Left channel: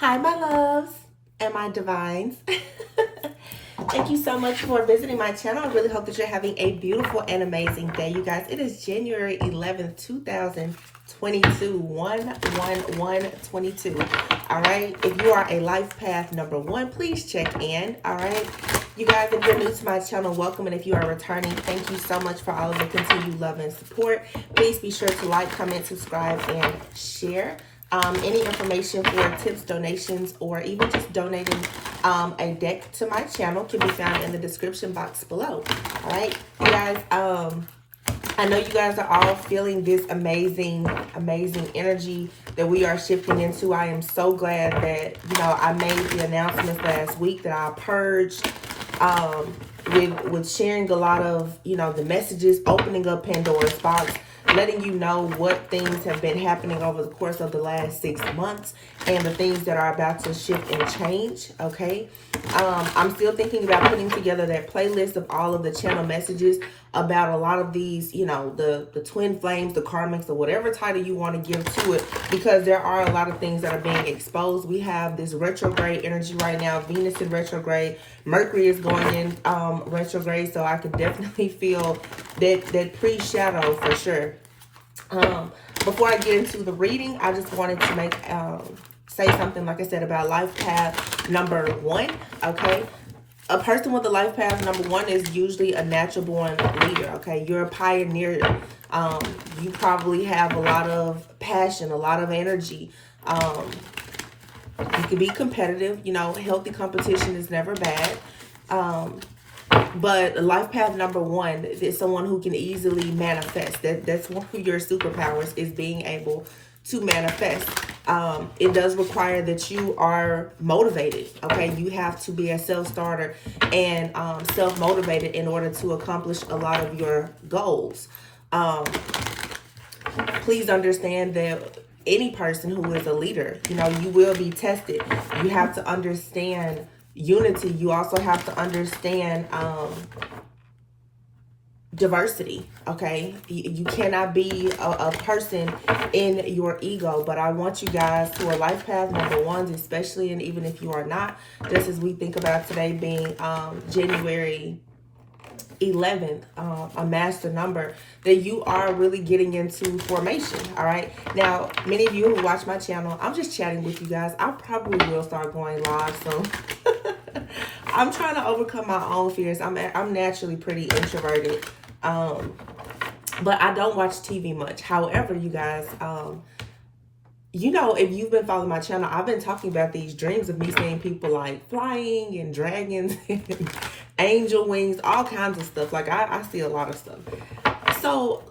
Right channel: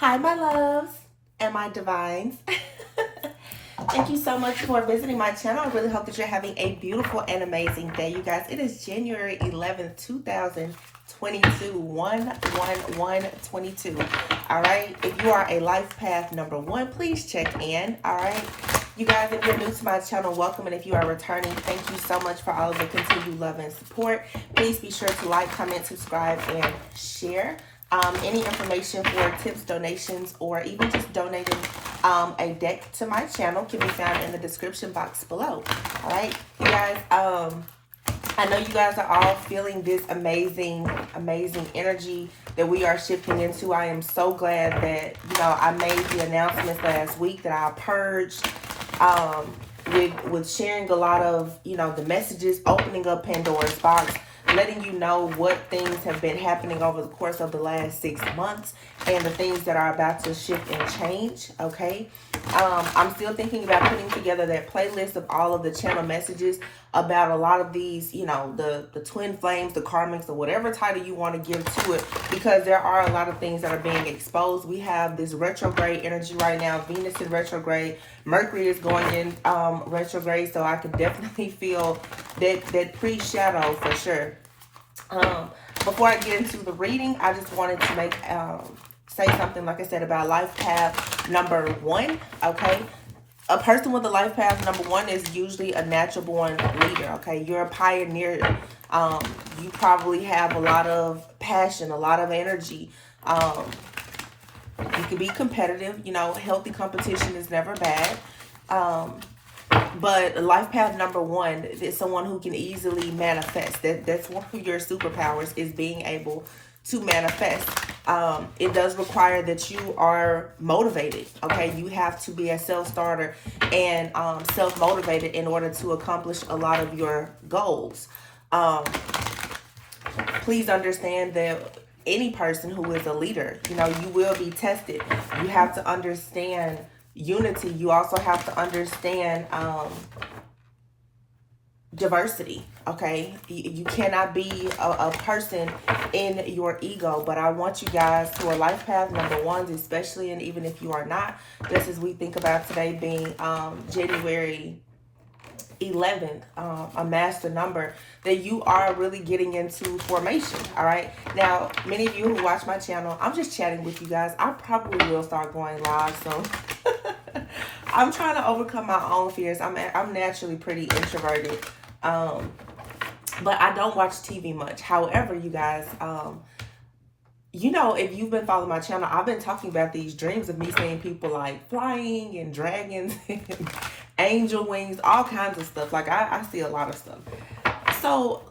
Hi, my loves and my divines. Thank you so much for visiting my channel. I really hope that you're having a beautiful and amazing day, you guys. It is January 11th, 2022, 1/1/1/22. All right. If you are a life path number one, please check in. All right. You guys, if you're new to my channel, welcome. And if you are returning, thank you so much for all of the continued love and support. Please be sure to like, comment, subscribe, and share. Any information for tips, donations, or even just donating a deck to my channel can be found in the description box below. All right, you guys. I know you guys are all feeling this amazing energy that we are shifting into. I am so glad that I made the announcements last week that I purged with sharing a lot of the messages, opening up Pandora's box, letting you know what things have been happening over the course of the last 6 months and the things that are about to shift and change. Okay. I'm still thinking about putting together that playlist of all of the channel messages about a lot of these, the twin flames, the karmics, or whatever title you want to give to it, because there are a lot of things that are being exposed. We have this retrograde energy right now, Venus in retrograde, Mercury is going in retrograde, so I can definitely feel that pre-shadow for sure. Before I get into the reading, I just wanted to make say something, like I said, about life path number one. Okay, a person with a life path number one is usually a natural born leader. Okay, you're a pioneer. You probably have a lot of passion, a lot of energy. You can be competitive. Healthy competition is never bad. But life path number one is someone who can easily manifest. That's one of your superpowers, is being able to manifest. It does require that you are motivated. Okay, you have to be a self-starter and self-motivated in order to accomplish a lot of your goals. Please understand that any person who is a leader, you will be tested. You have to understand unity. You also have to understand diversity. Okay, you cannot be a person in your ego. But I want you guys who are life path number ones, especially, and even if you are not, just as we think about today being January 11th, a master number, that you are really getting into formation. All right, now many of you who watch my channel, I'm just chatting with you guys. I probably will start going live soon. I'm trying to overcome my own fears. I'm naturally pretty introverted, but I don't watch TV much. However, you guys, if you've been following my channel, I've been talking about these dreams of me seeing people like flying and dragons and angel wings, all kinds of stuff. Like I see a lot of stuff. So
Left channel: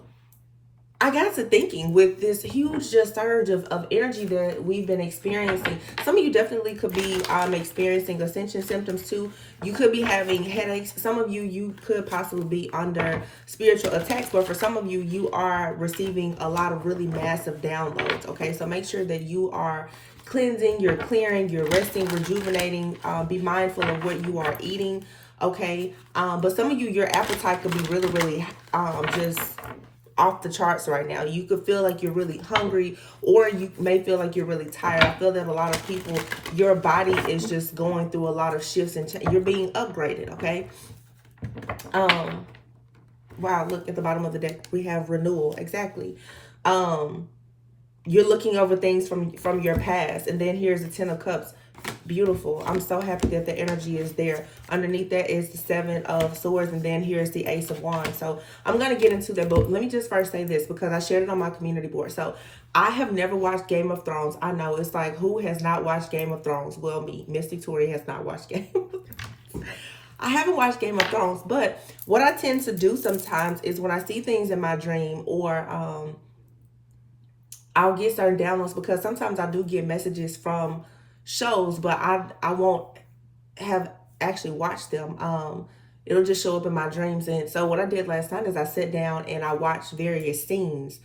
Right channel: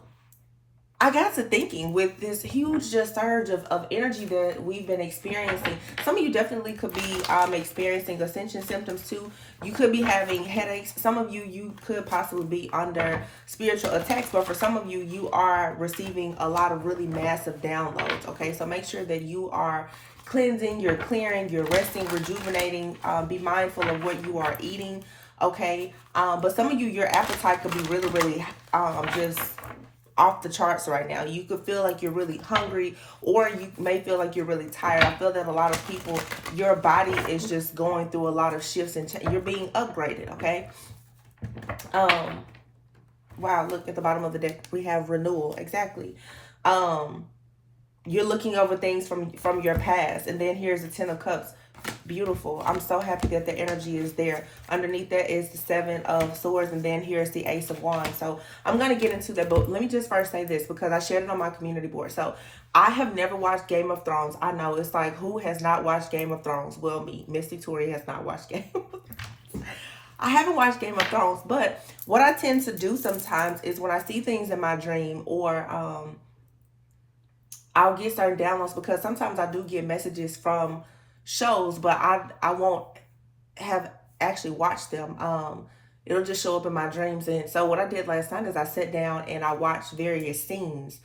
I got to thinking, with this huge just surge of energy that we've been experiencing, some of you definitely could be experiencing ascension symptoms too. You could be having headaches. Some of you could possibly be under spiritual attacks, but for some of you, you are receiving a lot of really massive downloads. Okay, so make sure that you are cleansing, you're clearing, you're resting, rejuvenating. Be mindful of what you are eating. Okay, but some of you, your appetite could be really just off the charts right now. You could feel like you're really hungry, or you may feel like you're really tired. I feel that a lot of people, your body is just going through a lot of shifts and you're being upgraded. Okay. Wow, look at the bottom of the deck, we have renewal. Exactly. You're looking over things from your past, and then here's the 10 of Cups. Beautiful. I'm so happy that the energy is there. Underneath that is the 7 of Swords, and then here's the Ace of Wands. So I'm going to get into that, but let me just first say this, because I shared it on my community board. So I have never watched Game of Thrones. I know it's like, who has not watched Game of Thrones? Well, me, Misty Tori, has not watched Game of Thrones. I haven't watched Game of Thrones, but what I tend to do sometimes is when I see things in my dream, or I'll get certain downloads, because sometimes I do get messages from shows, but I won't have actually watched them. It'll just show up in my dreams. And so what I did last night is I sat down and I watched various scenes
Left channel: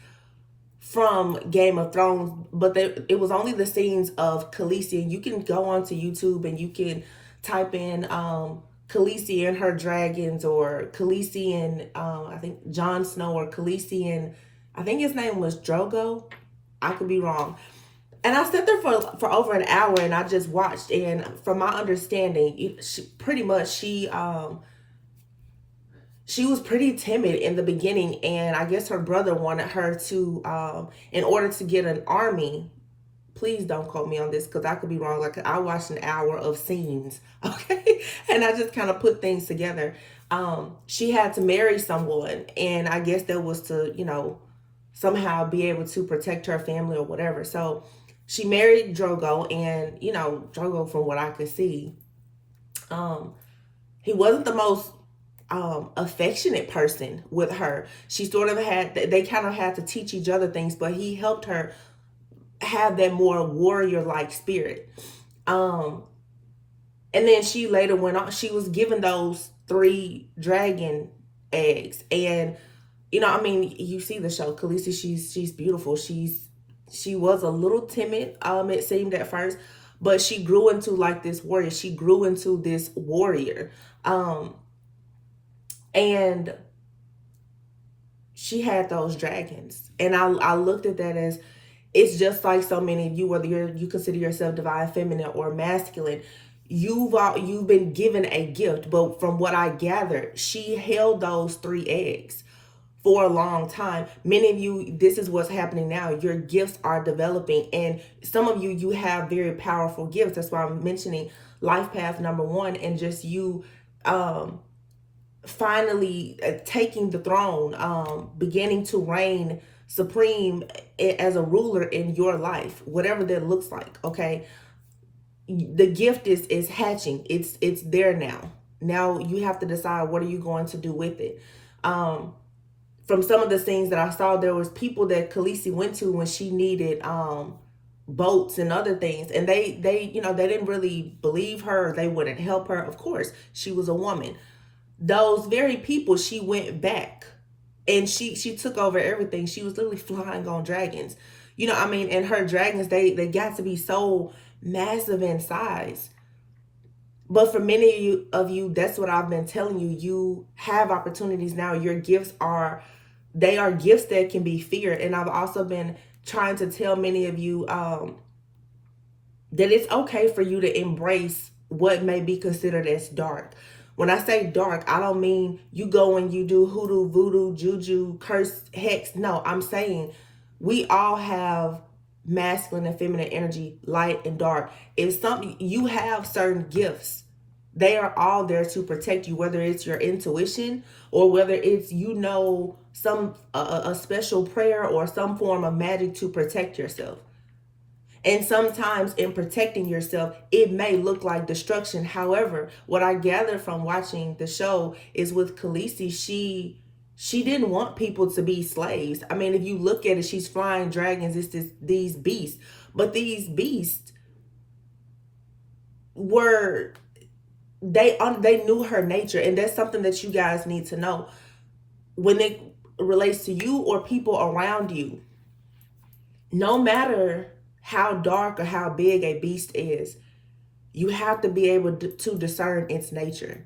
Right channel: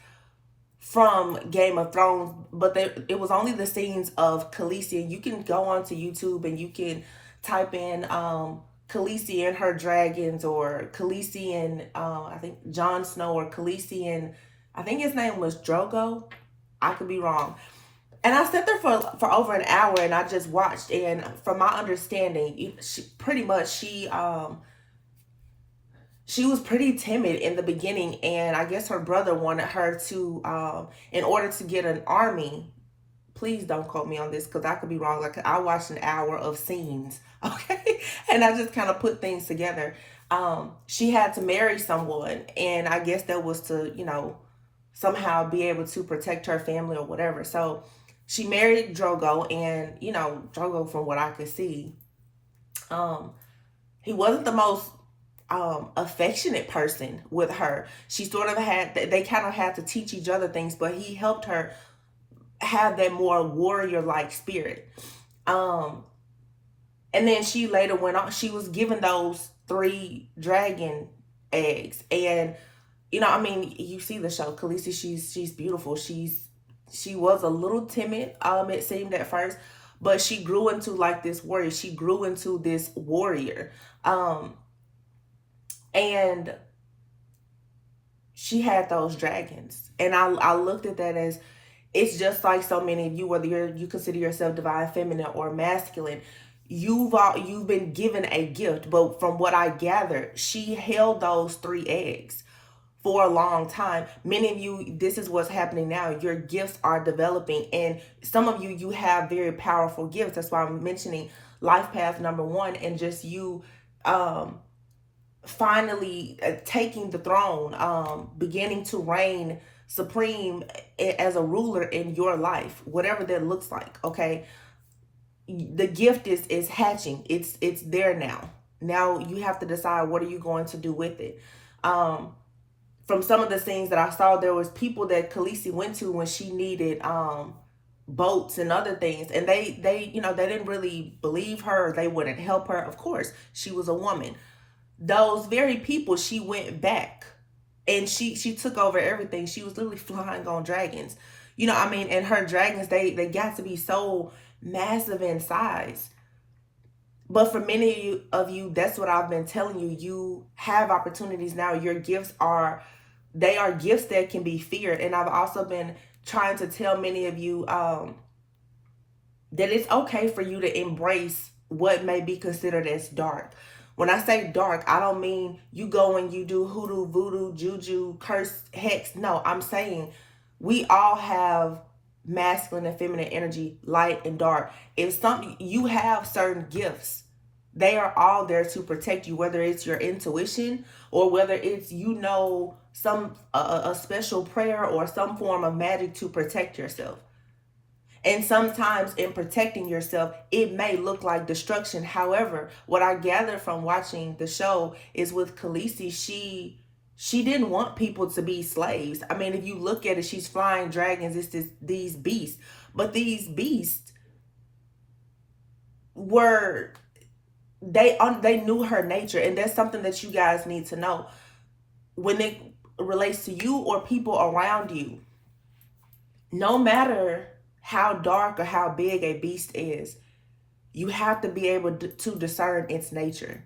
from Game of Thrones, but it was only the scenes of Khaleesi. You can go onto YouTube and you can type in Khaleesi and her dragons, or Khaleesi and I think Jon Snow, or Khaleesi and I think his name was Drogo. I could be wrong. And I sat there for over an hour and I just watched. And from my understanding, she was pretty timid in the beginning, and I guess her brother wanted her to, in order to get an army. Please don't quote me on this because I could be wrong. Like, I watched an hour of scenes, okay, and I just kind of put things together. She had to marry someone, and I guess that was to, somehow be able to protect her family or whatever. So she married Drogo, and Drogo, from what I could see, he wasn't the most affectionate person with her. She sort of they kind of had to teach each other things, but he helped her have that more warrior-like spirit. And then she later went on, she was given those 3 dragon eggs. And you see the show, Khaleesi, she's beautiful. She was a little timid, it seemed at first, but she grew into like this warrior. She grew into this warrior. And she had those dragons. And I looked at that as, it's just like so many of you, whether you consider yourself divine feminine or masculine, you've been given a gift. But from what I gathered, she held those 3 eggs for a long time. Many of you, this is what's happening now. Your gifts are developing, and some of you have very powerful gifts. That's why I'm mentioning life path number 1, and just you finally taking the throne, beginning to reign supreme as a ruler in your life, whatever that looks like. Okay, the gift is hatching. It's there now. Now you have to decide, what are you going to do with it. From some of the scenes that I saw, there was people that Khaleesi went to when she needed boats and other things, and they didn't really believe her. They wouldn't help her. Of course, she was a woman. Those very people, she went back, and she took over everything. She was literally flying on dragons, and her dragons, they got to be so massive in size. But for many of you, that's what I've been telling you. You have opportunities now. Your gifts are gifts that can be feared. And I've also been trying to tell many of you that it's okay for you to embrace what may be considered as dark. When I say dark, I don't mean you go and you do hoodoo, voodoo, juju, curse, hex. No, I'm saying we all have masculine and feminine energy, light and dark. If you have certain gifts, they are all there to protect you, whether it's your intuition or whether it's some a special prayer or some form of magic to protect yourself. And sometimes in protecting yourself, it may look like destruction. However, what I gathered from watching the show is with Khaleesi, she didn't want people to be slaves. I mean, if you look at it, she's flying dragons. It's these beasts. But these beasts they knew her nature. And that's something that you guys need to know. When it relates to you or people around you, no matter how dark or how big a beast is, you have to be able to discern its nature.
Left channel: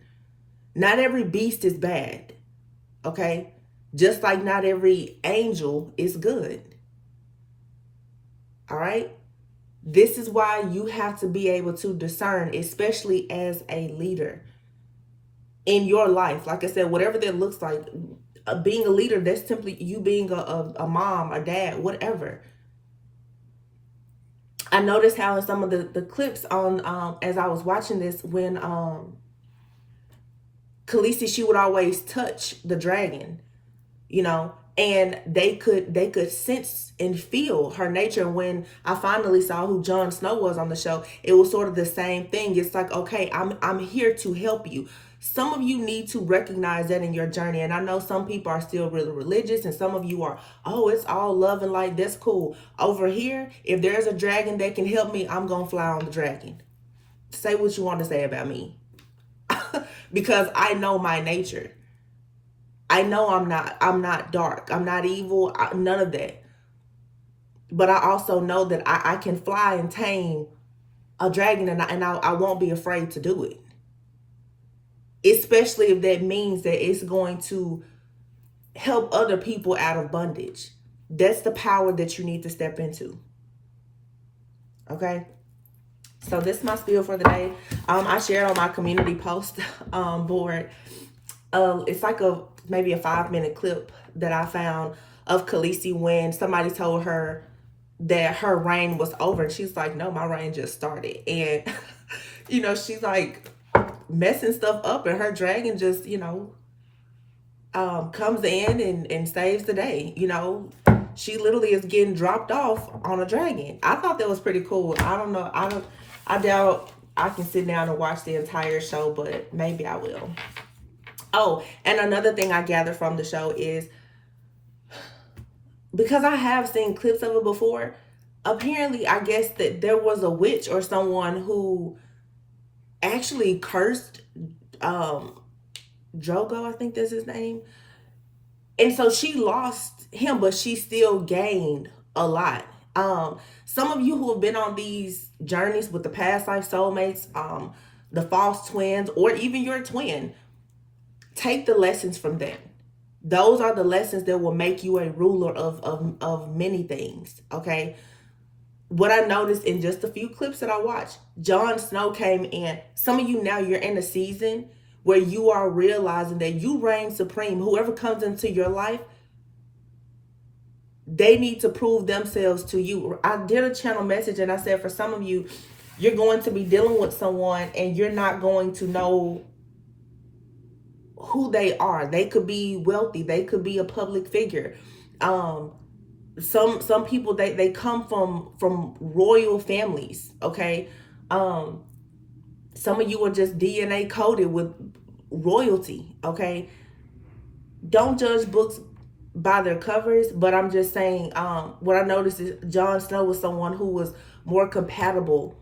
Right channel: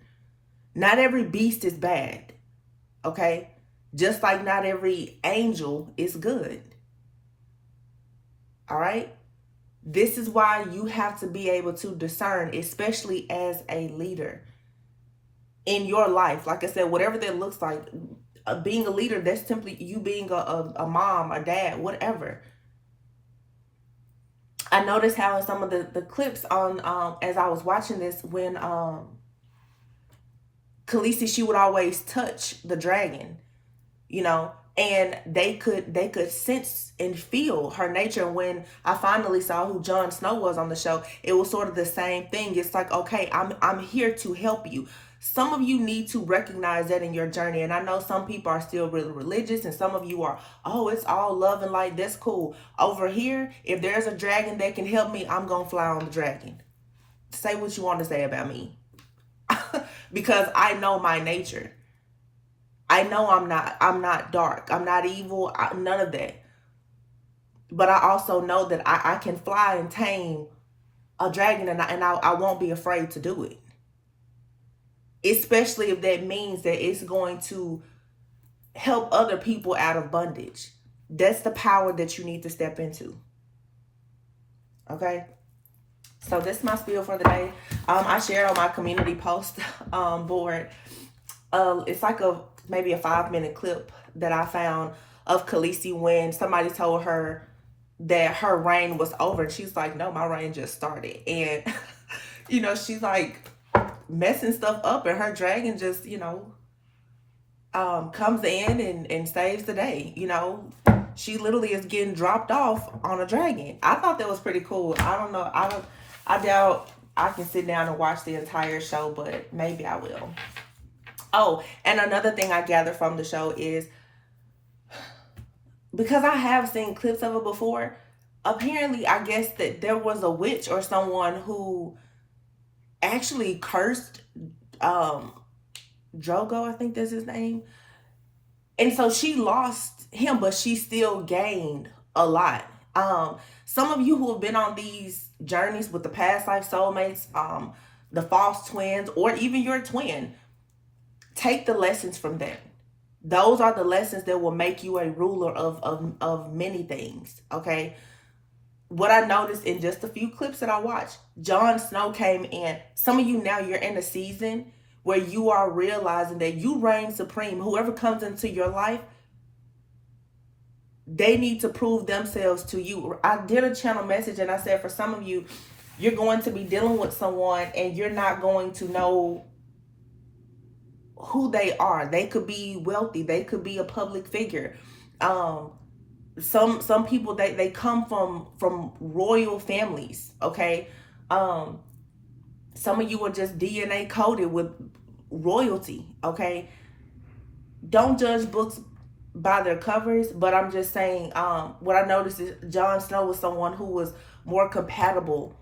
Not every beast is bad, okay? Just like not every angel is good, all right? This is why you have to be able to discern, especially as a leader in your life. Like I said, whatever that looks like, being a leader, that's simply you being a mom, a dad, whatever. I noticed how in some of the clips on as I was watching this, when Khaleesi, she would always touch the dragon, and they could sense and feel her nature. When I finally saw who Jon Snow was on the show, it was sort of the same thing. It's like, okay, I'm here to help you. Some of you need to recognize that in your journey. And I know some people are still really religious, and some of you are, oh, it's all love and light. That's cool. Over here, if there's a dragon that can help me, I'm going to fly on the dragon. Say what you want to say about me. Because I know my nature. I know I'm not dark. I'm not evil. None of that. But I also know that I can fly and tame a dragon, and I won't be afraid to do it. Especially if that means that it's going to help other people out of bondage. That's the power that you need to step into. Okay. So this is my spiel for the day. I shared on my community post board. It's like maybe a 5-minute clip that I found of Khaleesi when somebody told her that her reign was over, and she's like, "No, my reign just started." And she's like messing stuff up, and her dragon just comes in and saves the day. She literally is getting dropped off on a dragon. I thought that was pretty cool. I don't know. I doubt I can sit down and watch the entire show, but maybe I will. Oh, and another thing I gathered from the show is, because I have seen clips of it before, apparently I guess that there was a witch or someone who actually cursed Drogo, I think that's his name. And so she lost him, but she still gained a lot. Some of you who have been on these journeys with the past life soulmates, the false twins, or even your twin, take the lessons from them. Those are the lessons that will make you a ruler of many things, okay? What I noticed in just a few clips that I watched, Jon Snow came in. Some of you now, you're in a season where you are realizing that you reign supreme. Whoever comes into your life, they need to prove themselves to you. I did a channel message and I said, for some of you, you're going to be dealing with someone and you're not going to know who they are. They could be wealthy. They could be a public figure. Some people, they come from royal families, okay? Some of you are just DNA coded with royalty, okay? Don't judge books by their covers, but I'm just saying, what I noticed is Jon Snow was someone who was more compatible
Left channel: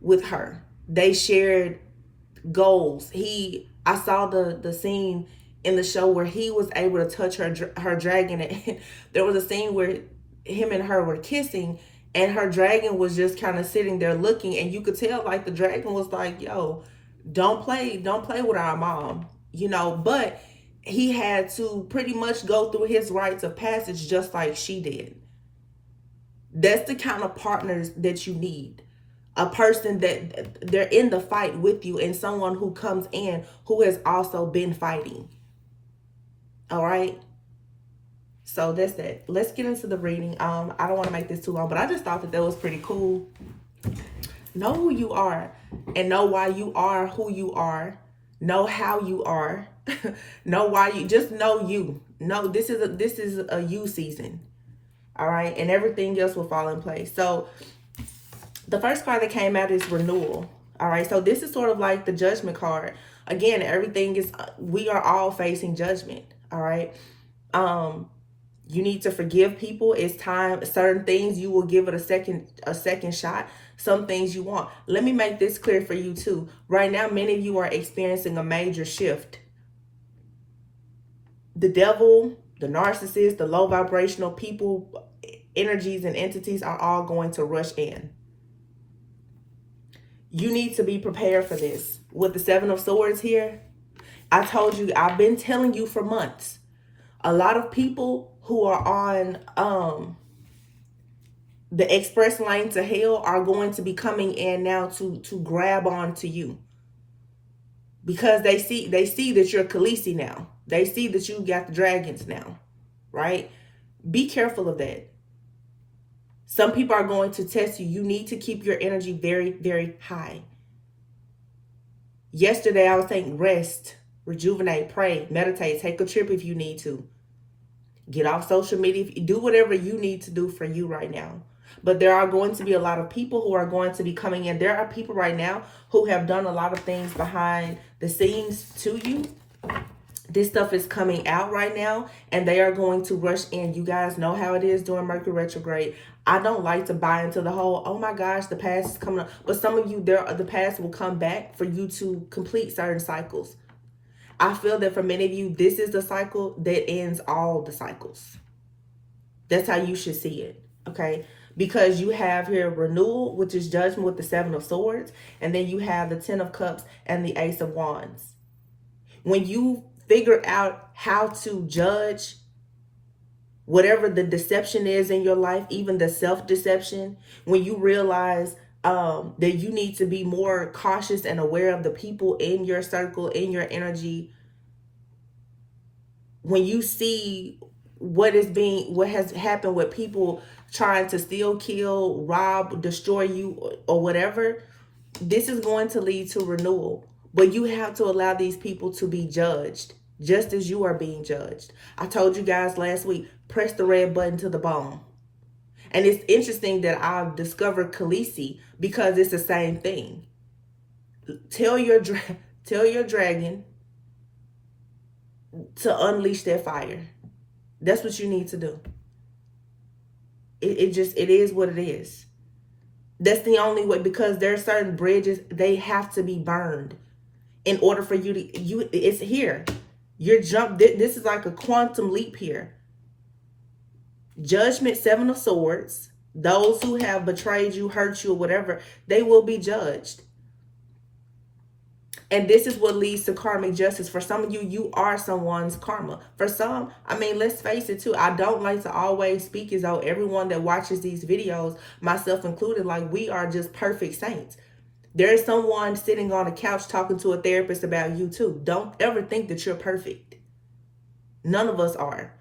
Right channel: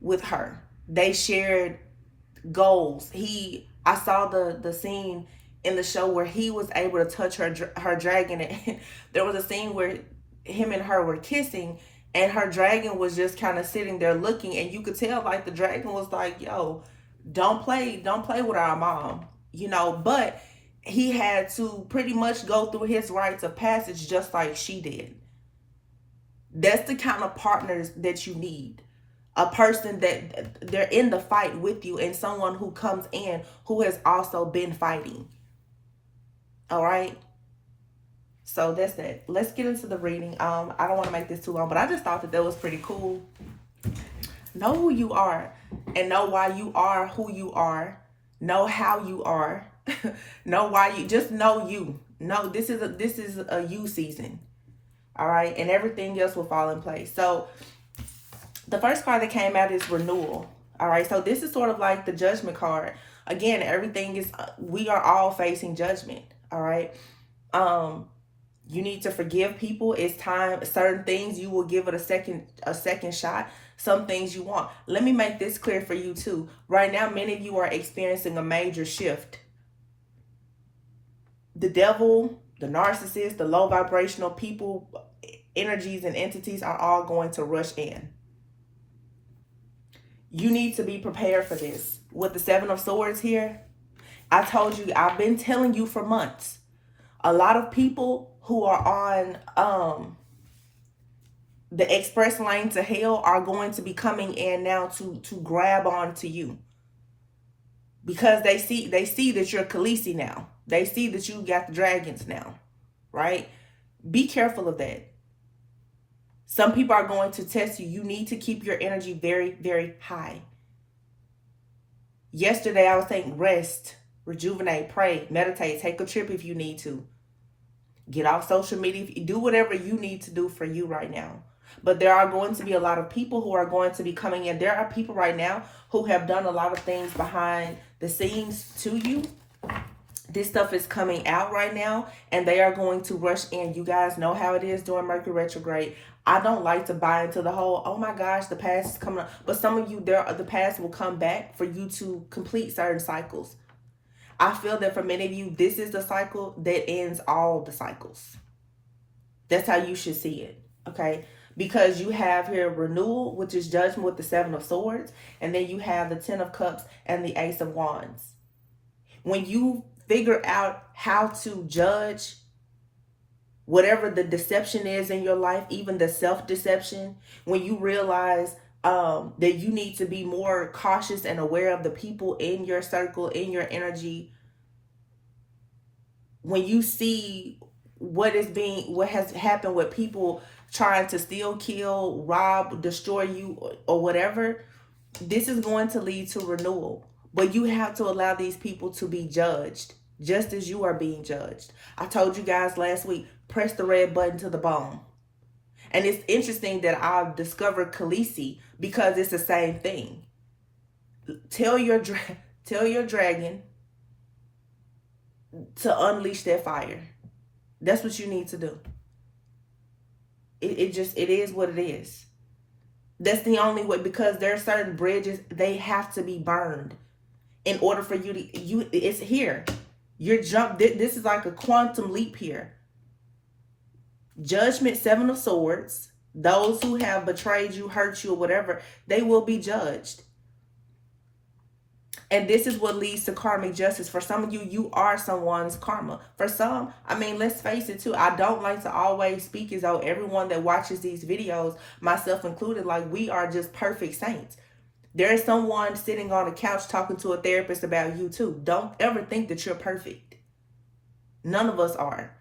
with her. They shared goals. I saw the scene in the show where he was able to touch her dragon, and there was a scene where him and her were kissing, and her dragon was just kind of sitting there looking, and you could tell like the dragon was like, "Yo, don't play with our mom," but he had to pretty much go through his rites of passage just like she did. That's the kind of partners that you need. A person that they're in the fight with you, and someone who comes in who has also been fighting. All right. So that's it. Let's get into the reading. I don't want to make this too long, but I just thought that was pretty cool. Know who you are and know why you are who you are. Know how you are. Know why you just know you. No, this is a you season. All right, and everything else will fall in place. So the first card that came out is Renewal. All right, so this is sort of like the Judgment card. Again, everything is, we are all facing judgment. All right. You need to forgive people. It's time. Certain things you will give it a second shot. Some things you want. Let me make this clear for you too. Right now, many of you are experiencing a major shift. The devil, the narcissist, the low vibrational people, energies and entities are all going to rush in. You need to be prepared for this. With the 7 of Swords here, I told you, I've been telling you for months. A lot of people who are on the express lane to hell are going to be coming in now to grab on to you. Because they see that you're Khaleesi now. They see that you got the dragons now, right? Be careful of that. Some people are going to test you. You need to keep your energy very, very high. Yesterday, I was saying rest, rejuvenate, pray, meditate, take a trip if you need to. Get off social media. Do whatever you need to do for you right now. But there are going to be a lot of people who are going to be coming in. There are people right now who have done a lot of things behind the scenes to you. This stuff is coming out right now, and they are going to rush in. You guys know how it is during Mercury retrograde. I don't like to buy into the whole, oh my gosh, the past is coming up. But some of you, the past will come back for you to complete certain cycles. I feel that for many of you, this is the cycle that ends all the cycles. That's how you should see it, okay? Because you have here Renewal, which is Judgment with the 7 of Swords. And then you have the 10 of Cups and the Ace of Wands. When you figure out how to judge whatever the deception is in your life, even the self-deception, when you realize that you need to be more cautious and aware of the people in your circle, in your energy, when you see what has happened with people trying to steal, kill, rob, destroy you, or whatever, this is going to lead to renewal. But you have to allow these people to be judged, just as you are being judged. I told you guys last week, press the red button to the bone. And it's interesting that I've discovered Khaleesi, because it's the same thing. Tell your dragon to unleash their fire. That's what you need to do. It is what it is. That's the only way, because there are certain bridges, they have to be burned in order for you to, it's here. This is like a quantum leap here. Judgment, 7 of Swords. Those who have betrayed you, hurt you, or whatever, they will be judged. And this is what leads to karmic justice. For some of you, you are someone's karma. For some, I mean, let's face it too. I don't like to always speak as though everyone that watches these videos, myself included, like we are just perfect saints. There is someone sitting on a couch talking to a therapist about you too. Don't ever think that you're perfect. None of us are.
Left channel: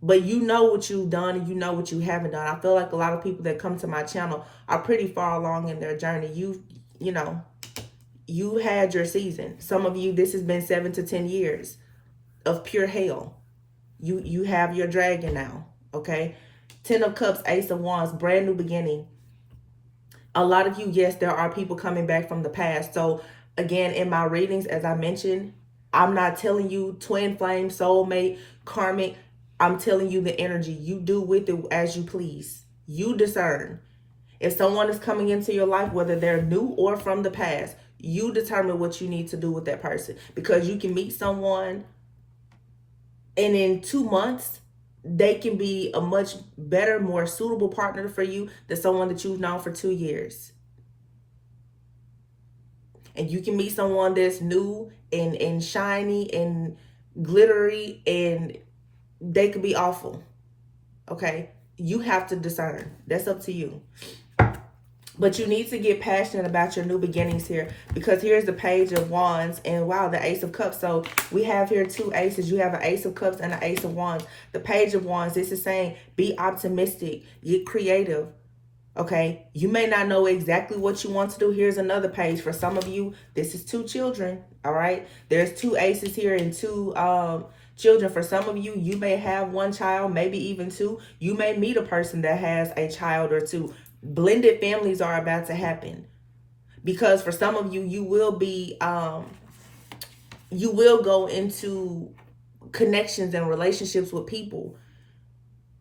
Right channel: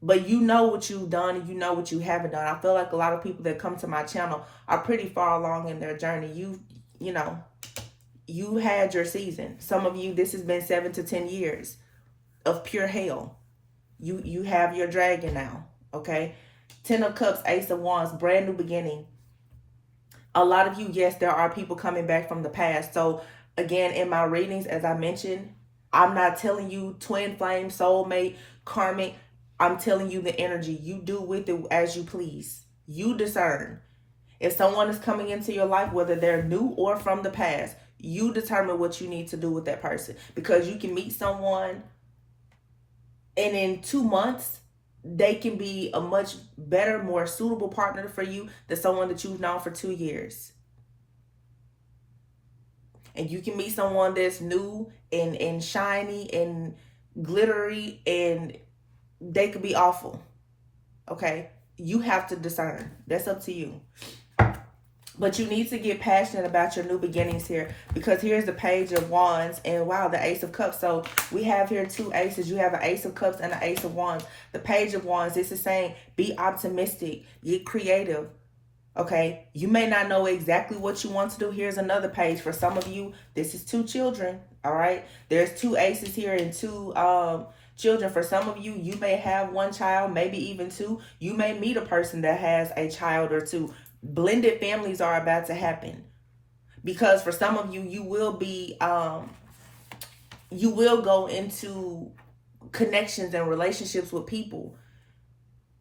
But you know what you've done and you know what you haven't done. I feel like a lot of people that come to my channel are pretty far along in their journey. You know, you had your season. Some of you, this has been 7 to 10 years of pure hell. You have your dragon now, okay? 10 of Cups, Ace of Wands, brand new beginning. A lot of you, yes, there are people coming back from the past. So again, in my readings, as I mentioned, I'm not telling you twin flame, soulmate, karmic. I'm telling you the energy. You do with it as you please. You discern. If someone is coming into your life, whether they're new or from the past, you determine what you need to do with that person. Because you can meet someone and in 2 months, they can be a much better, more suitable partner for you than someone that you've known for 2 years. And you can meet someone that's new and shiny and glittery, and they could be awful. Okay? You have to discern. That's up to you. But you need to get passionate about your new beginnings here, because here's the Page of Wands and wow, the Ace of Cups. So we have here 2 aces. You have an Ace of Cups and an Ace of Wands. The Page of Wands, this is saying be optimistic, get creative. Okay, you may not know exactly what you want to do. Here's another page. For some of you, this is 2 children. All right, there's 2 aces here and 2 children. For some of you, you may have 1 child, maybe even 2. You may meet a person that has a child or 2. Blended families are about to happen, because for some of you, you will be you will go into connections and relationships with people,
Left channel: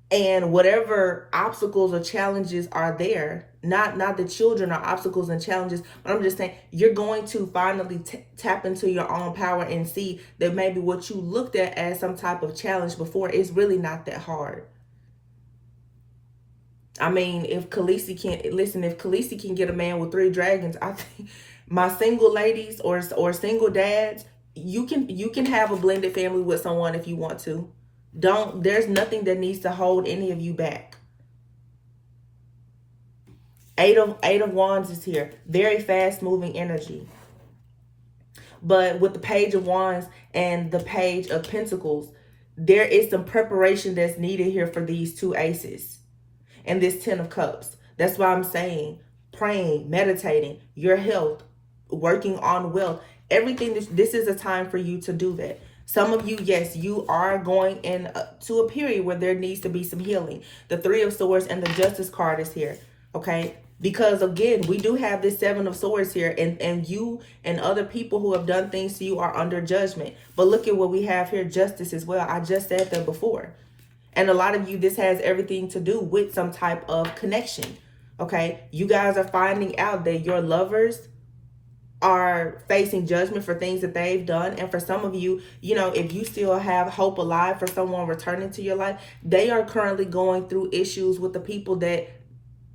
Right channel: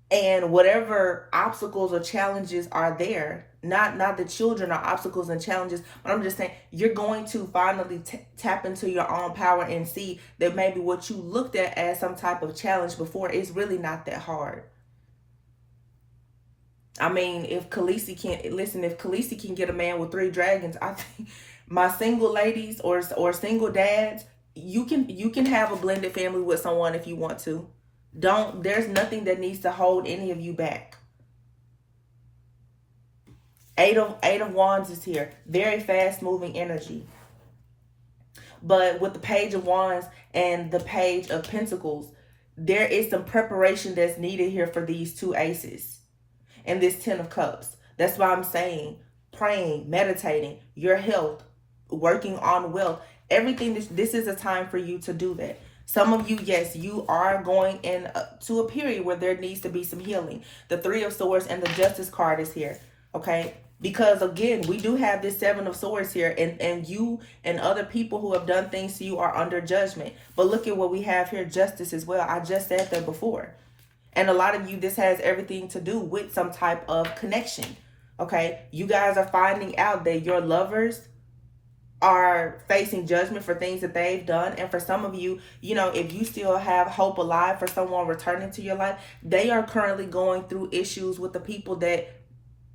and whatever obstacles or challenges are there, not the children are obstacles and challenges, but I'm just saying you're going to finally tap into your own power and see that maybe what you looked at as some type of challenge before is really not that hard. I mean, if Khaleesi can get a man with 3 dragons, I think my single ladies or single dads, you can have a blended family with someone if you want to. There's nothing that needs to hold any of you back. 8 of Wands is here. Very fast moving energy. But with the Page of Wands and the Page of Pentacles, there is some preparation that's needed here for these 2 aces. And this 10 of Cups. That's why I'm saying praying, meditating, your health, working on wealth, everything. This is a time for you to do that. Some of you, yes, you are going into a period where there needs to be some healing. The 3 of Swords and the Justice card is here. Okay? Because again, we do have this 7 of Swords here, and you and other people who have done things to you are under judgment. But look at what we have here, Justice as well. I just said that before. And a lot of you, this has everything to do with some type of connection. Okay? You guys are finding out that your lovers are facing judgment for things that they've done. And for some of you, you know, if you still have hope alive for someone returning to your life, they are currently going through issues with the people that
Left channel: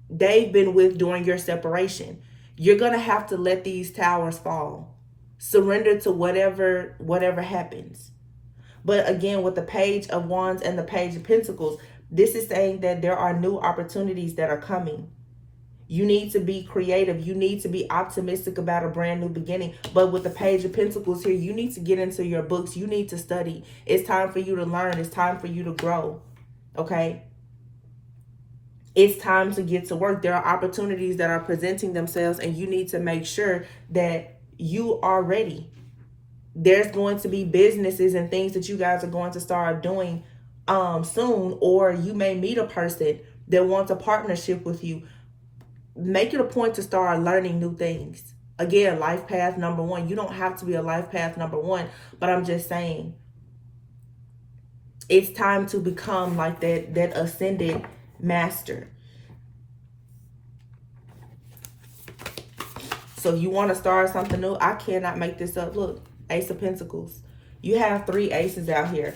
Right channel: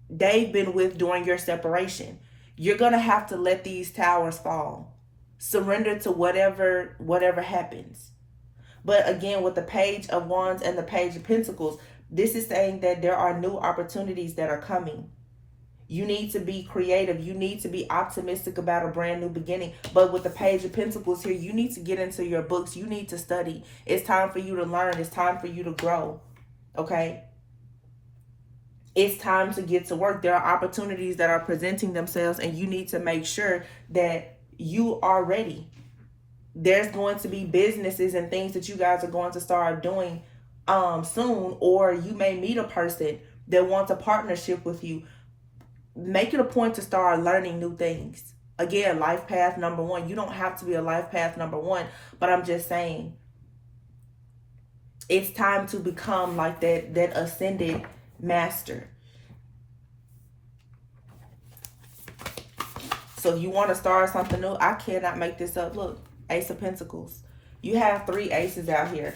they've been with during your separation. You're going to have to let these towers fall. Surrender to whatever happens. But again, with the Page of Wands and the Page of Pentacles, this is saying that there are new opportunities that are coming. You need to be creative. You need to be optimistic about a brand new beginning. But with the Page of Pentacles here, you need to get into your books. You need to study. It's time for you to learn. It's time for you to grow. Okay? It's time to get to work. There are opportunities that are presenting themselves, and you need to make sure that you are ready. There's going to be businesses and things that you guys are going to start doing soon, or you may meet a person that wants a partnership with you. Make it a point to start learning new things. Again, life path number 1. You don't have to be a life path number 1, but I'm just saying it's time to become like that ascended master. So you want to start something new? I cannot make this up. Look, Ace of Pentacles. You have 3 aces out here.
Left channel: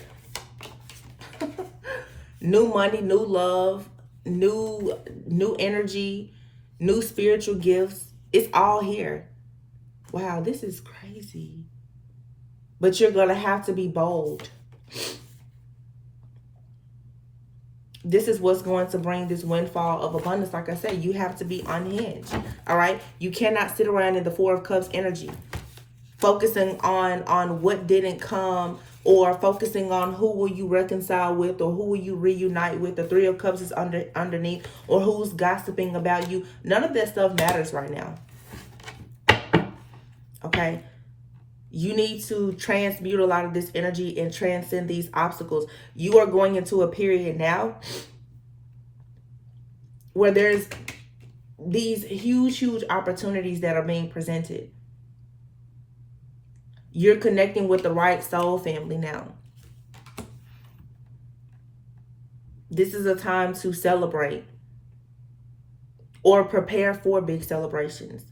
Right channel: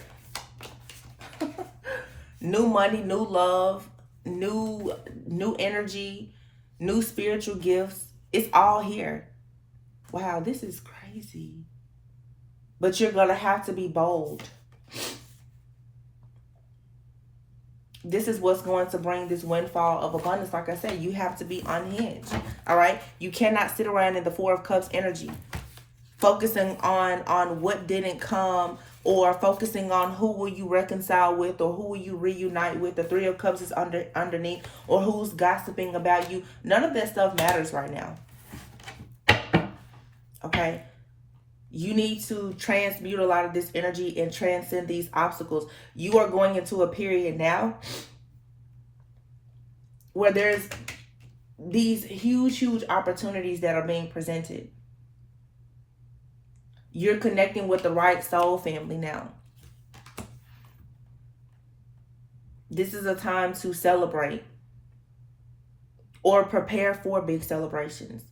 New money, new love, new energy, new spiritual gifts. It's all here. Wow, this is crazy. But you're going to have to be bold. This is what's going to bring this windfall of abundance. Like I said, you have to be unhinged. All right? You cannot sit around in the 4 of Cups energy, focusing on what didn't come, or focusing on who will you reconcile with, or who will you reunite with. The 3 of Cups is underneath, or who's gossiping about you. None of that stuff matters right now. Okay? You need to transmute a lot of this energy and transcend these obstacles. You are going into a period now where there's these huge opportunities that are being presented. You're connecting with the right soul family now. This is a time to celebrate or prepare for big celebrations.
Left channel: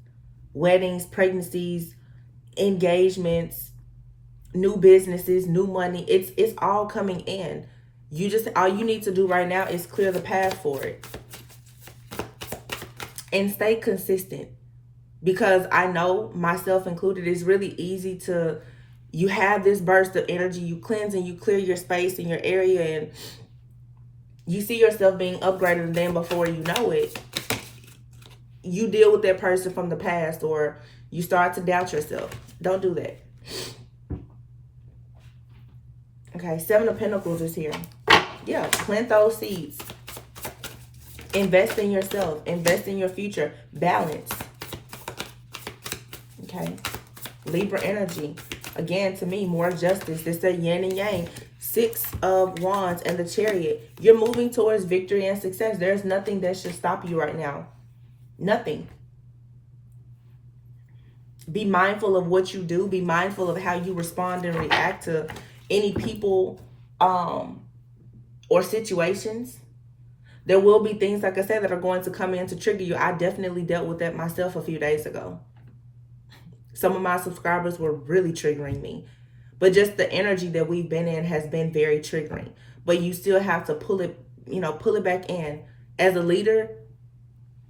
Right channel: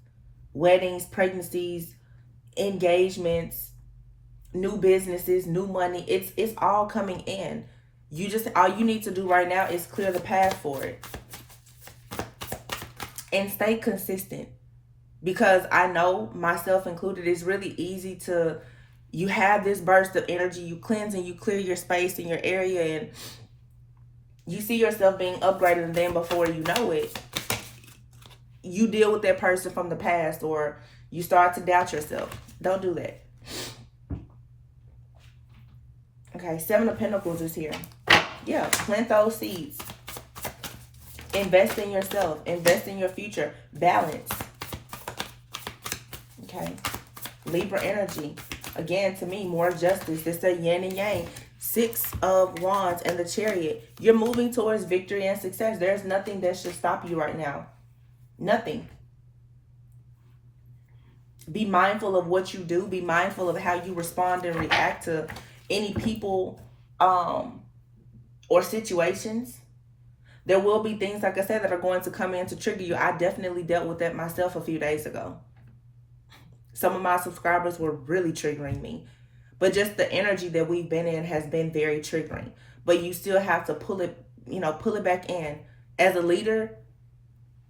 Weddings, pregnancies, engagements, new businesses, new money. It's all coming in. All you need to do right now is clear the path for it. And stay consistent. Because I know, myself included, it's really easy to, you have this burst of energy, you cleanse and you clear your space in your area, and you see yourself being upgraded, and then before you know it, you deal with that person from the past, or you start to doubt yourself. Don't do that. Okay, 7 of Pentacles is here. Yeah, plant those seeds. Invest in yourself. Invest in your future. Balance. Okay, Libra energy. Again, to me, more justice. This is a yin and yang. 6 of Wands and the Chariot. You're moving towards victory and success. There's nothing that should stop you right now. Nothing. Be mindful of what you do. Be mindful of how you respond and react to any people or situations. There will be things, like I said, that are going to come in to trigger you. I definitely dealt with that myself a few days ago. Some of my subscribers were really triggering me. But just the energy that we've been in has been very triggering. But you still have to pull it back in. As a leader,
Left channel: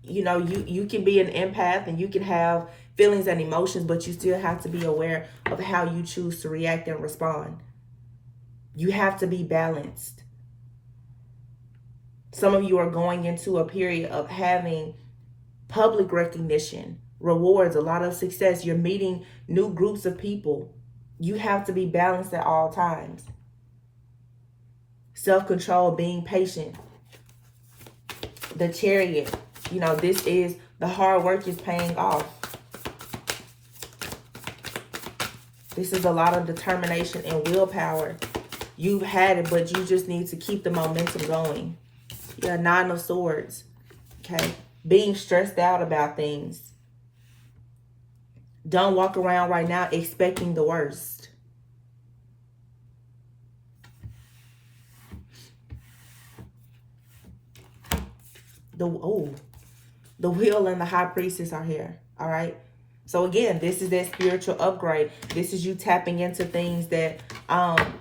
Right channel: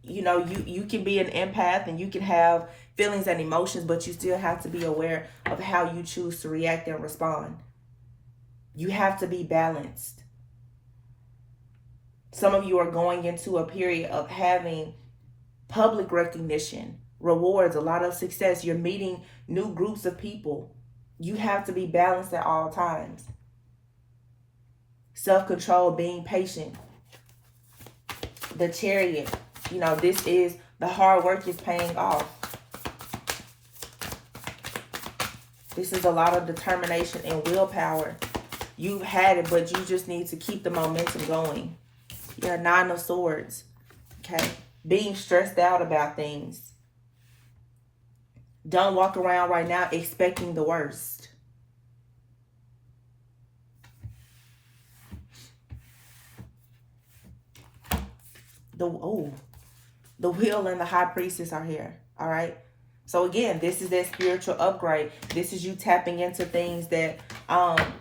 you can be an empath and you can have feelings and emotions, but you still have to be aware of how you choose to react and respond. You have to be balanced. Some of you are going into a period of having public recognition, rewards, a lot of success. You're meeting new groups of people. You have to be balanced at all times. Self-control, being patient. The Chariot, this is the hard work is paying off. This is a lot of determination and willpower. You've had it, but you just need to keep the momentum going. Yeah, 9 of Swords. Okay. Being stressed out about things. Don't walk around right now expecting the worst. The Wheel and the High Priestess are here. All right. So again, this is that spiritual upgrade. This is you tapping into things that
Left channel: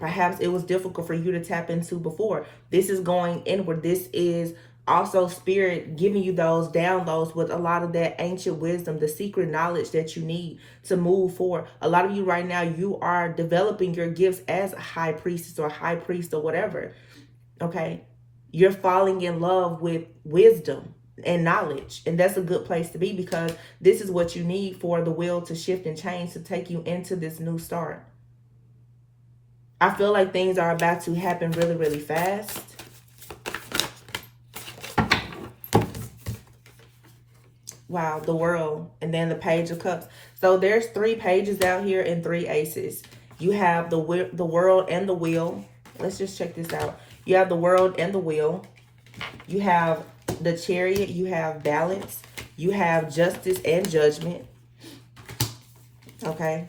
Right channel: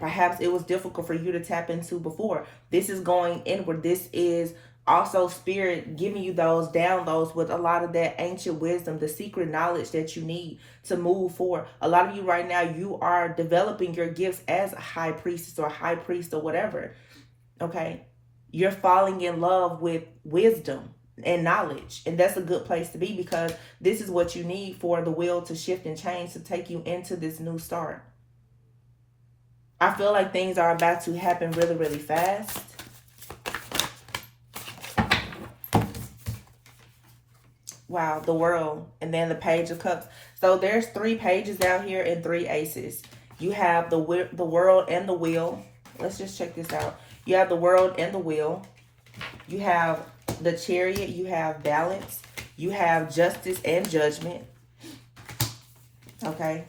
perhaps it was difficult for you to tap into before. This is going inward. This is Also, Spirit giving you those downloads with a lot of that ancient wisdom, the secret knowledge that you need to move forward. A lot of you right now, you are developing your gifts as a high priestess or high priest or whatever. Okay? You're falling in love with wisdom and knowledge. And that's a good place to be, because this is what you need for the will to shift and change, to take you into this new start. I feel like things are about to happen really, really fast. Wow, the World, and then the Page of Cups. So there's 3 pages out here and 3 aces. You have the World and the Wheel. Let's just check this out. You have the World and the Wheel. You have the Chariot. You have Balance. You have Justice and Judgment. Okay.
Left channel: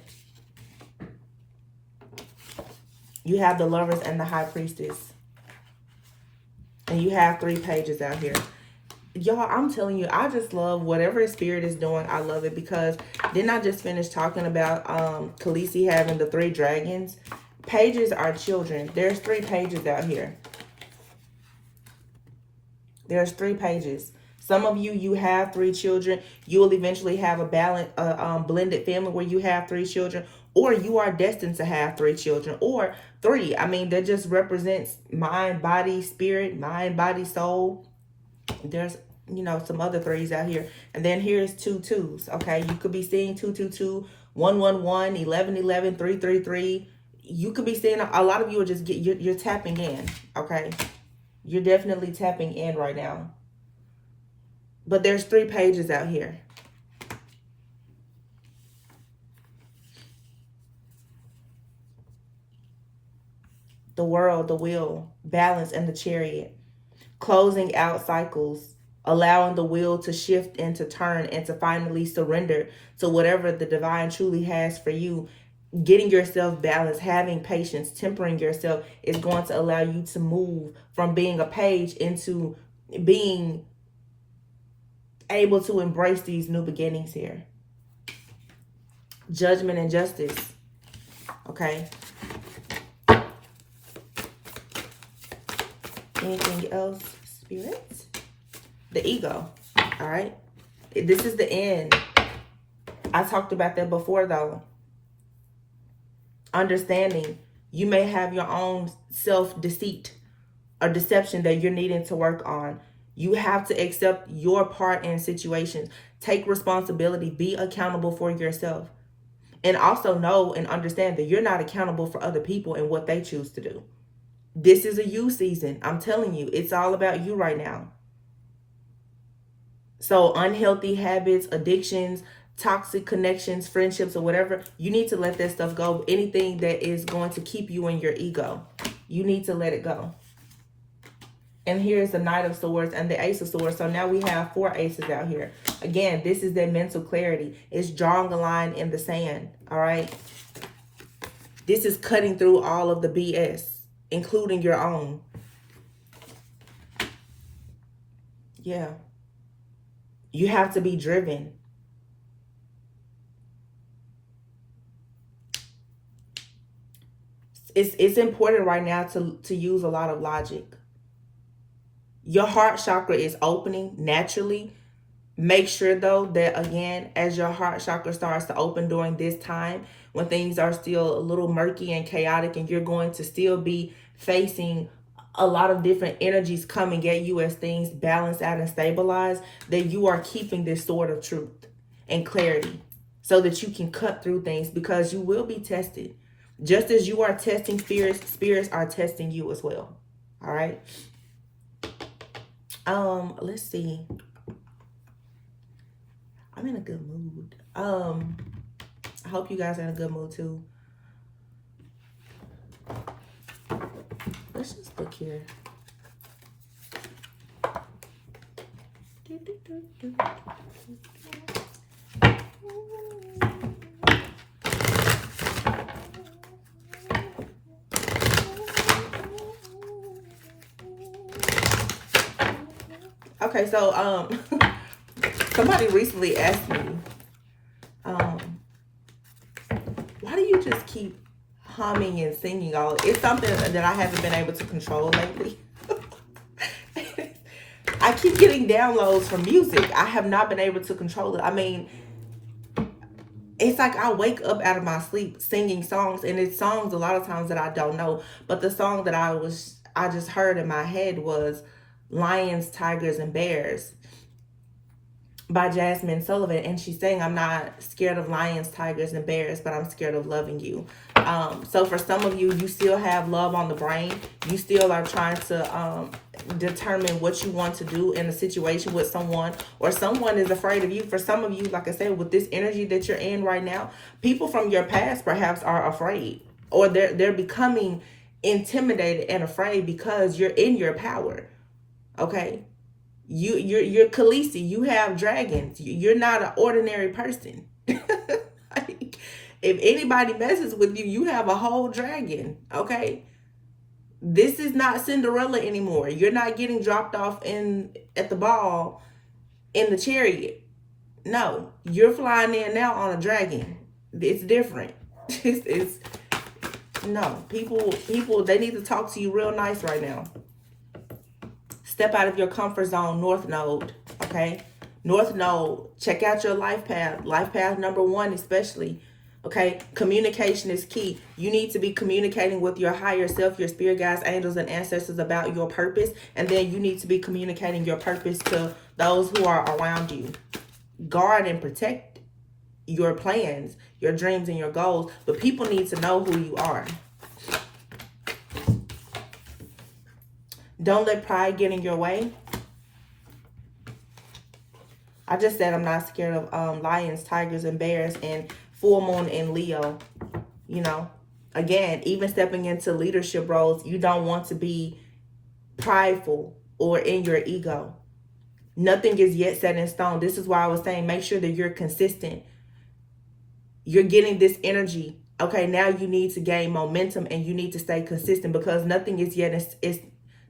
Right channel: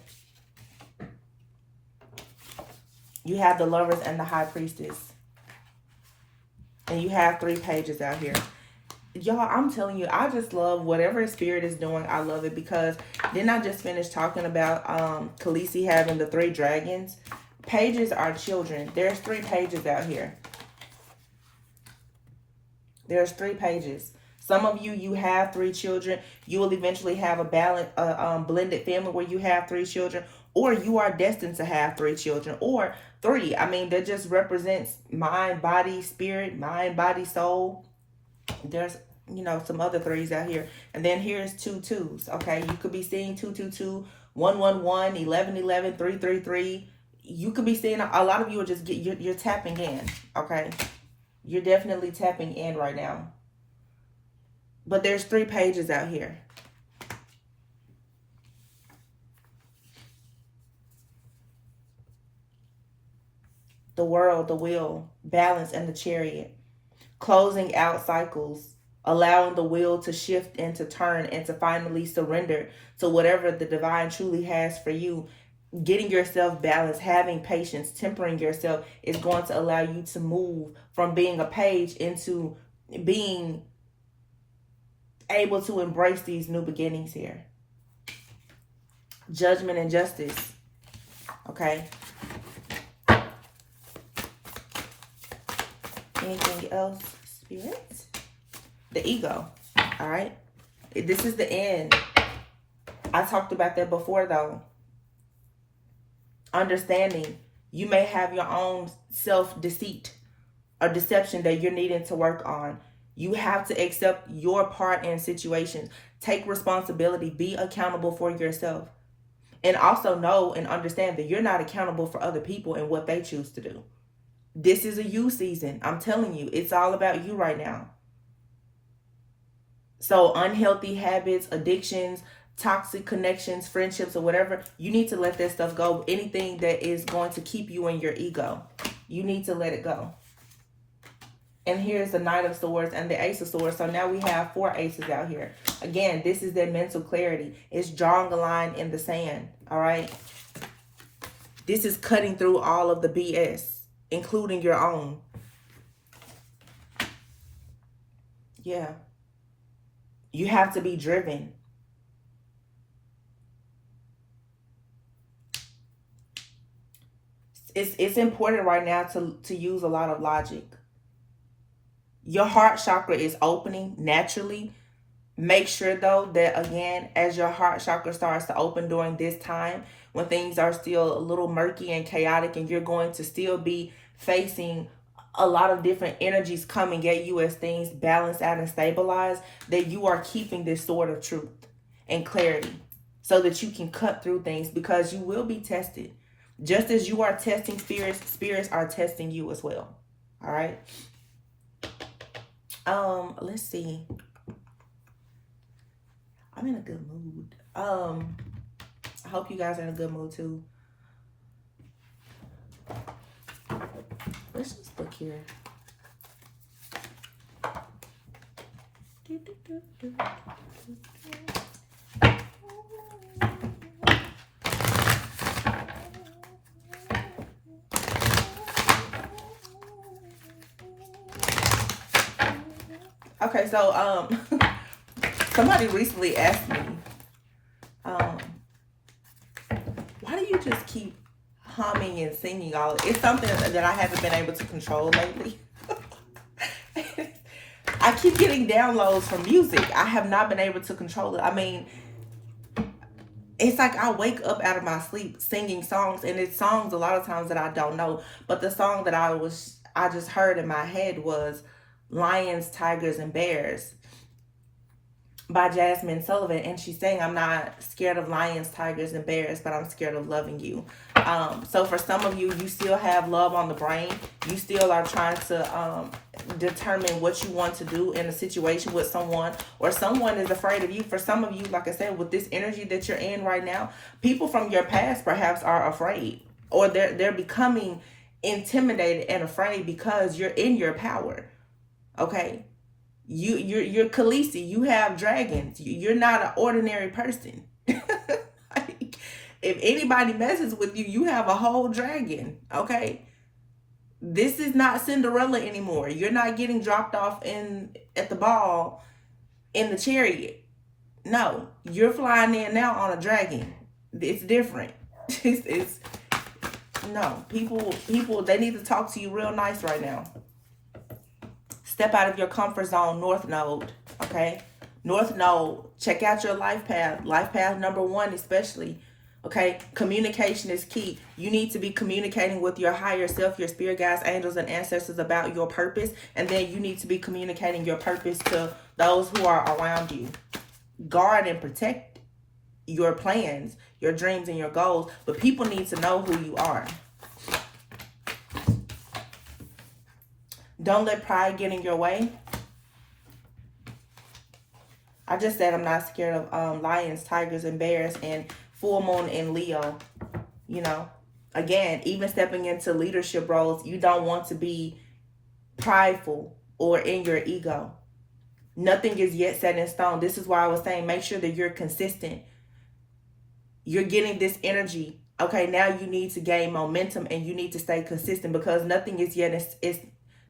You have the Lovers and the High Priestess. And you have 3 pages out here. Y'all, I'm telling you, I just love whatever Spirit is doing. I love it, because didn't I just finish talking about Khaleesi having the 3 dragons? Pages are children. There's 3 pages out here. There's 3 pages. Some of you, you have 3 children. You will eventually have a balanced, blended family where you have 3 children, or you are destined to have 3 children, or 3. I mean, that just represents mind, body, spirit, mind, body, soul. There's, you know, some other 3s out here. And then here's 2 2s. Okay, you could be seeing 2 2 2, 1 1 1, 11 11, 3 3 3. You could be seeing a lot of you are just you're tapping in. Okay, you're definitely tapping in right now. But there's 3 pages out here. The World, the Wheel, Balance, and the Chariot. Closing out cycles, allowing the wheel to shift and to turn and to finally surrender to whatever the divine truly has for you. Getting yourself balanced, having patience, tempering yourself is going to allow you to move from being a page into being able to embrace these new beginnings here. Judgment and Justice. Okay. Anything else, Spirit? The Ego. All right. This is the end. I talked about that before, though. Understanding you may have your own self-deceit or deception that you're needing to work on. You have to accept your part in situations. Take responsibility. Be accountable for yourself. And also know and understand that you're not accountable for other people and what they choose to do. This is a you season. I'm telling you, it's all about you right now. So unhealthy habits, addictions, toxic connections, friendships, or whatever, you need to let that stuff go. Anything that is going to keep you in your ego, you need to let it go. And here's the Knight of Swords and the Ace of Swords. So now we have 4 aces out here. Again, this is their mental clarity. It's drawing a line in the sand. All right. This is cutting through all of the BS, including your own. Yeah. You have to be driven. It's important right now to use a lot of logic. Your heart chakra is opening naturally. Make sure, though, that, again, as your heart chakra starts to open during this time, when things are still a little murky and chaotic, and you're going to still be facing a lot of different energies coming at you as things balance out and stabilize, that you are keeping this sword of truth and clarity so that you can cut through things, because you will be tested. Just as you are testing spirits, spirits are testing you as well. All right. Let's see. I'm in a good mood. I hope you guys are in a good mood too. Let's just look here. Okay, so somebody recently asked me, why do you just keep humming and singing all? It's something that I haven't been able to control lately. I keep getting downloads from music. I have not been able to control it. I mean, it's like I wake up out of my sleep singing songs, and it's songs a lot of times that I don't know. But the song that I just heard in my head was Lions, Tigers, and Bears by Jasmine Sullivan, and she's saying, I'm not scared of lions, tigers, and bears, but I'm scared of loving you. So for some of you, you still have love on the brain. You still are trying to determine what you want to do in a situation with someone, or someone is afraid of you. For some of you, like I said, with this energy that you're in right now, people from your past perhaps are afraid, or they're becoming intimidated and afraid because you're in your power. Okay? You're Khaleesi. You have dragons. You're not an ordinary person. Like, if anybody messes with you, you have a whole dragon. Okay, this is not Cinderella anymore. You're not getting dropped off at the ball in the chariot. No, you're flying in now on a dragon. It's different. It's no, people. They need to talk to you real nice right now. Step out of your comfort zone, North Node, okay? North Node, check out your life path number 1 especially, okay? Communication is key. You need to be communicating with your higher self, your spirit guides, angels, and ancestors about your purpose, and then you need to be communicating your purpose to those who are around you. Guard and protect your plans, your dreams, and your goals, but people need to know who you are. Don't let pride get in your way. I just said I'm not scared of lions, tigers, and bears, and full moon in Leo. You know, again, even stepping into leadership roles, you don't want to be prideful or in your ego. Nothing is yet set in stone. This is why I was saying make sure that you're consistent. You're getting this energy. Okay, now you need to gain momentum and you need to stay consistent, because nothing is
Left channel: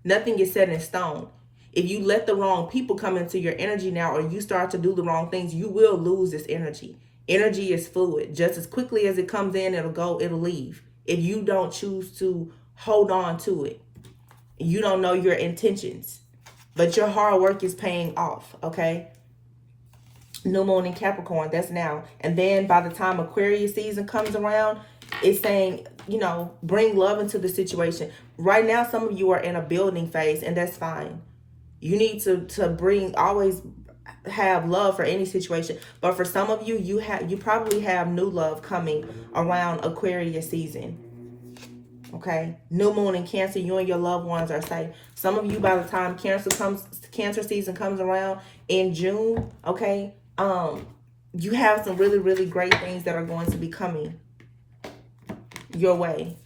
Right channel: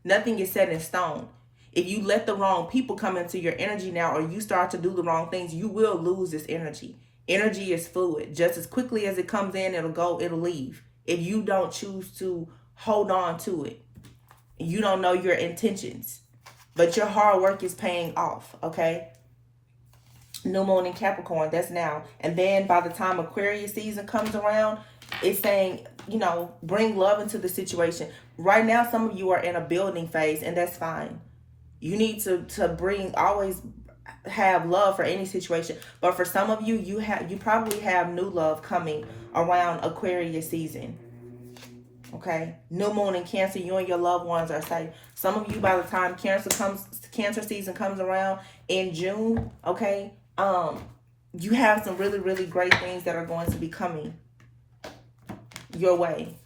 nothing is set in stone. If you let the wrong people come into your energy now, or you start to do the wrong things, you will lose this energy. Energy is fluid. Just as quickly as it comes in, it'll go, it'll leave. If you don't choose to hold on to it, you don't know your intentions. But your hard work is paying off, okay? New moon in Capricorn, that's now. And then by the time Aquarius season comes around, it's saying, you know, bring love into the situation. Right now, some of you are in a building phase, and that's fine. You need to always have love for any situation. But for some of you, you probably have new love coming around Aquarius season. Okay, new moon in Cancer, you and your loved ones are safe. Some of you, by the time Cancer season comes around in June, okay, you have some really, really great things that are going to be coming your way.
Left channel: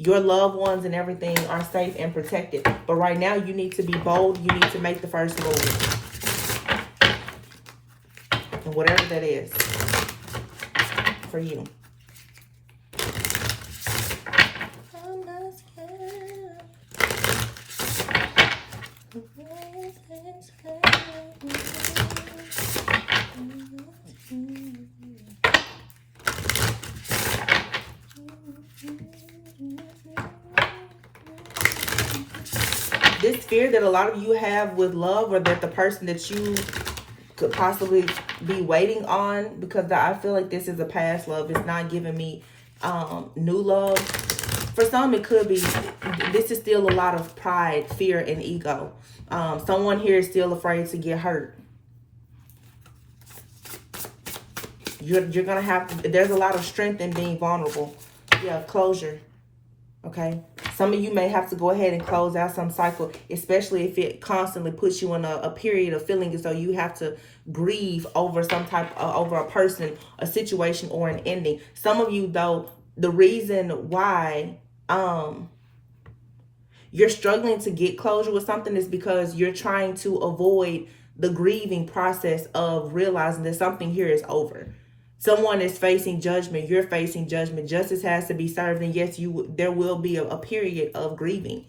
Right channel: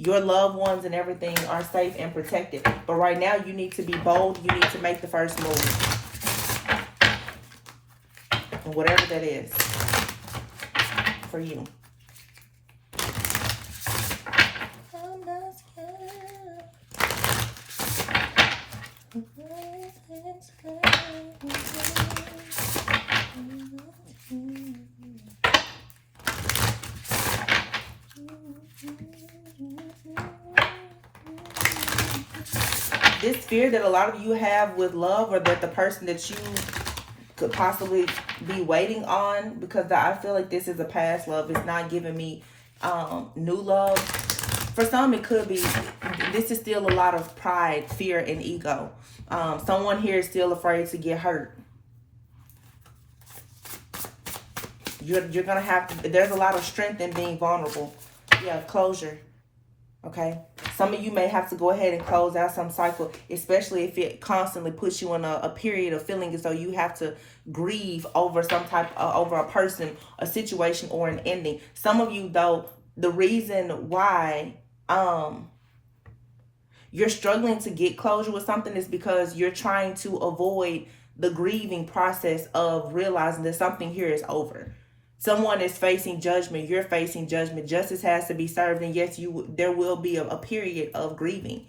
Your loved ones and everything are safe and protected. But right now, you need to be bold. You need to make the first move. And whatever that is for you. This fear that a lot of you have with love, or that the person that you could possibly be waiting on, because I feel like this is a past love. It's not giving me new love. For some, it could be, this is still a lot of pride, fear, and ego. Someone here is still afraid to get hurt. You're going to have, there's a lot of strength in being vulnerable. Yeah, closure. Okay? Some of you may have to go ahead and close out some cycle, especially if it constantly puts you in a period of feeling as though you have to grieve over over a person, a situation, or an ending. Some of you, though, the reason why you're struggling to get closure with something is because you're trying to avoid the grieving process of realizing that something here is over. Someone is facing judgment. You're facing judgment. Justice has to be served. And yes, there will be a period of grieving.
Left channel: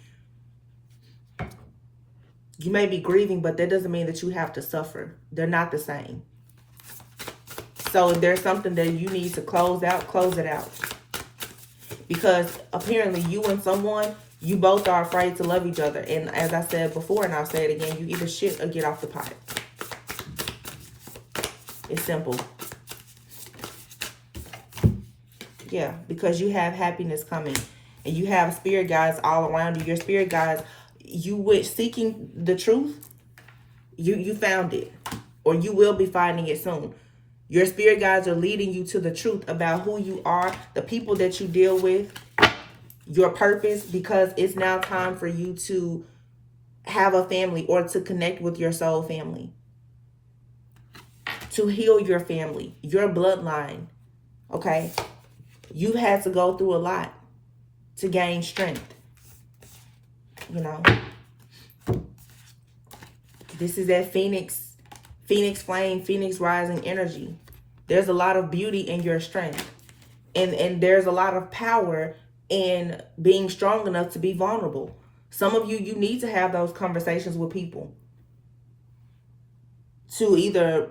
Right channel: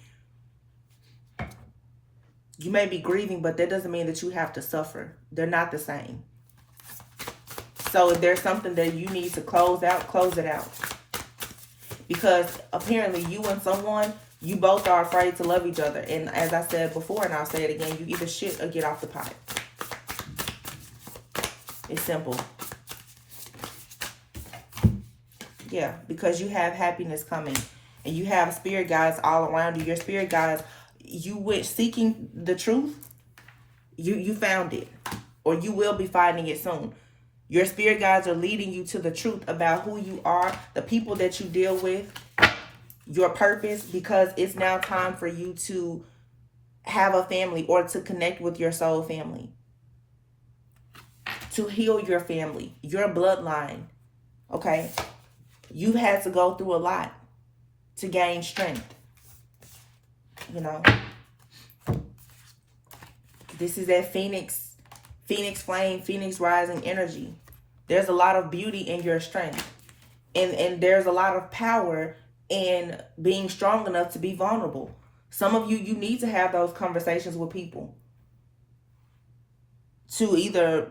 You may be grieving, but that doesn't mean that you have to suffer. They're not the same. So if there's something that you need to close out, close it out. Because apparently you and someone You both are afraid to love each other. And as I said before, and I'll say it again, you either shit or get off the pot. It's simple. Yeah, because you have happiness coming. And you have spirit guides all around you. Your spirit guides, you wish seeking the truth, you found it. Or you will be finding it soon. Your spirit guides are leading you to the truth about who you are, the people that you deal with, your purpose, because it's now time for you to have a family or to connect with your soul family. To heal your family, your bloodline. Okay? You've had to go through a lot to gain strength. You know? This is that Phoenix flame, Phoenix rising energy. There's a lot of beauty in your strength. And there's a lot of power in being strong enough to be vulnerable. Some of you need to have those conversations with people. To either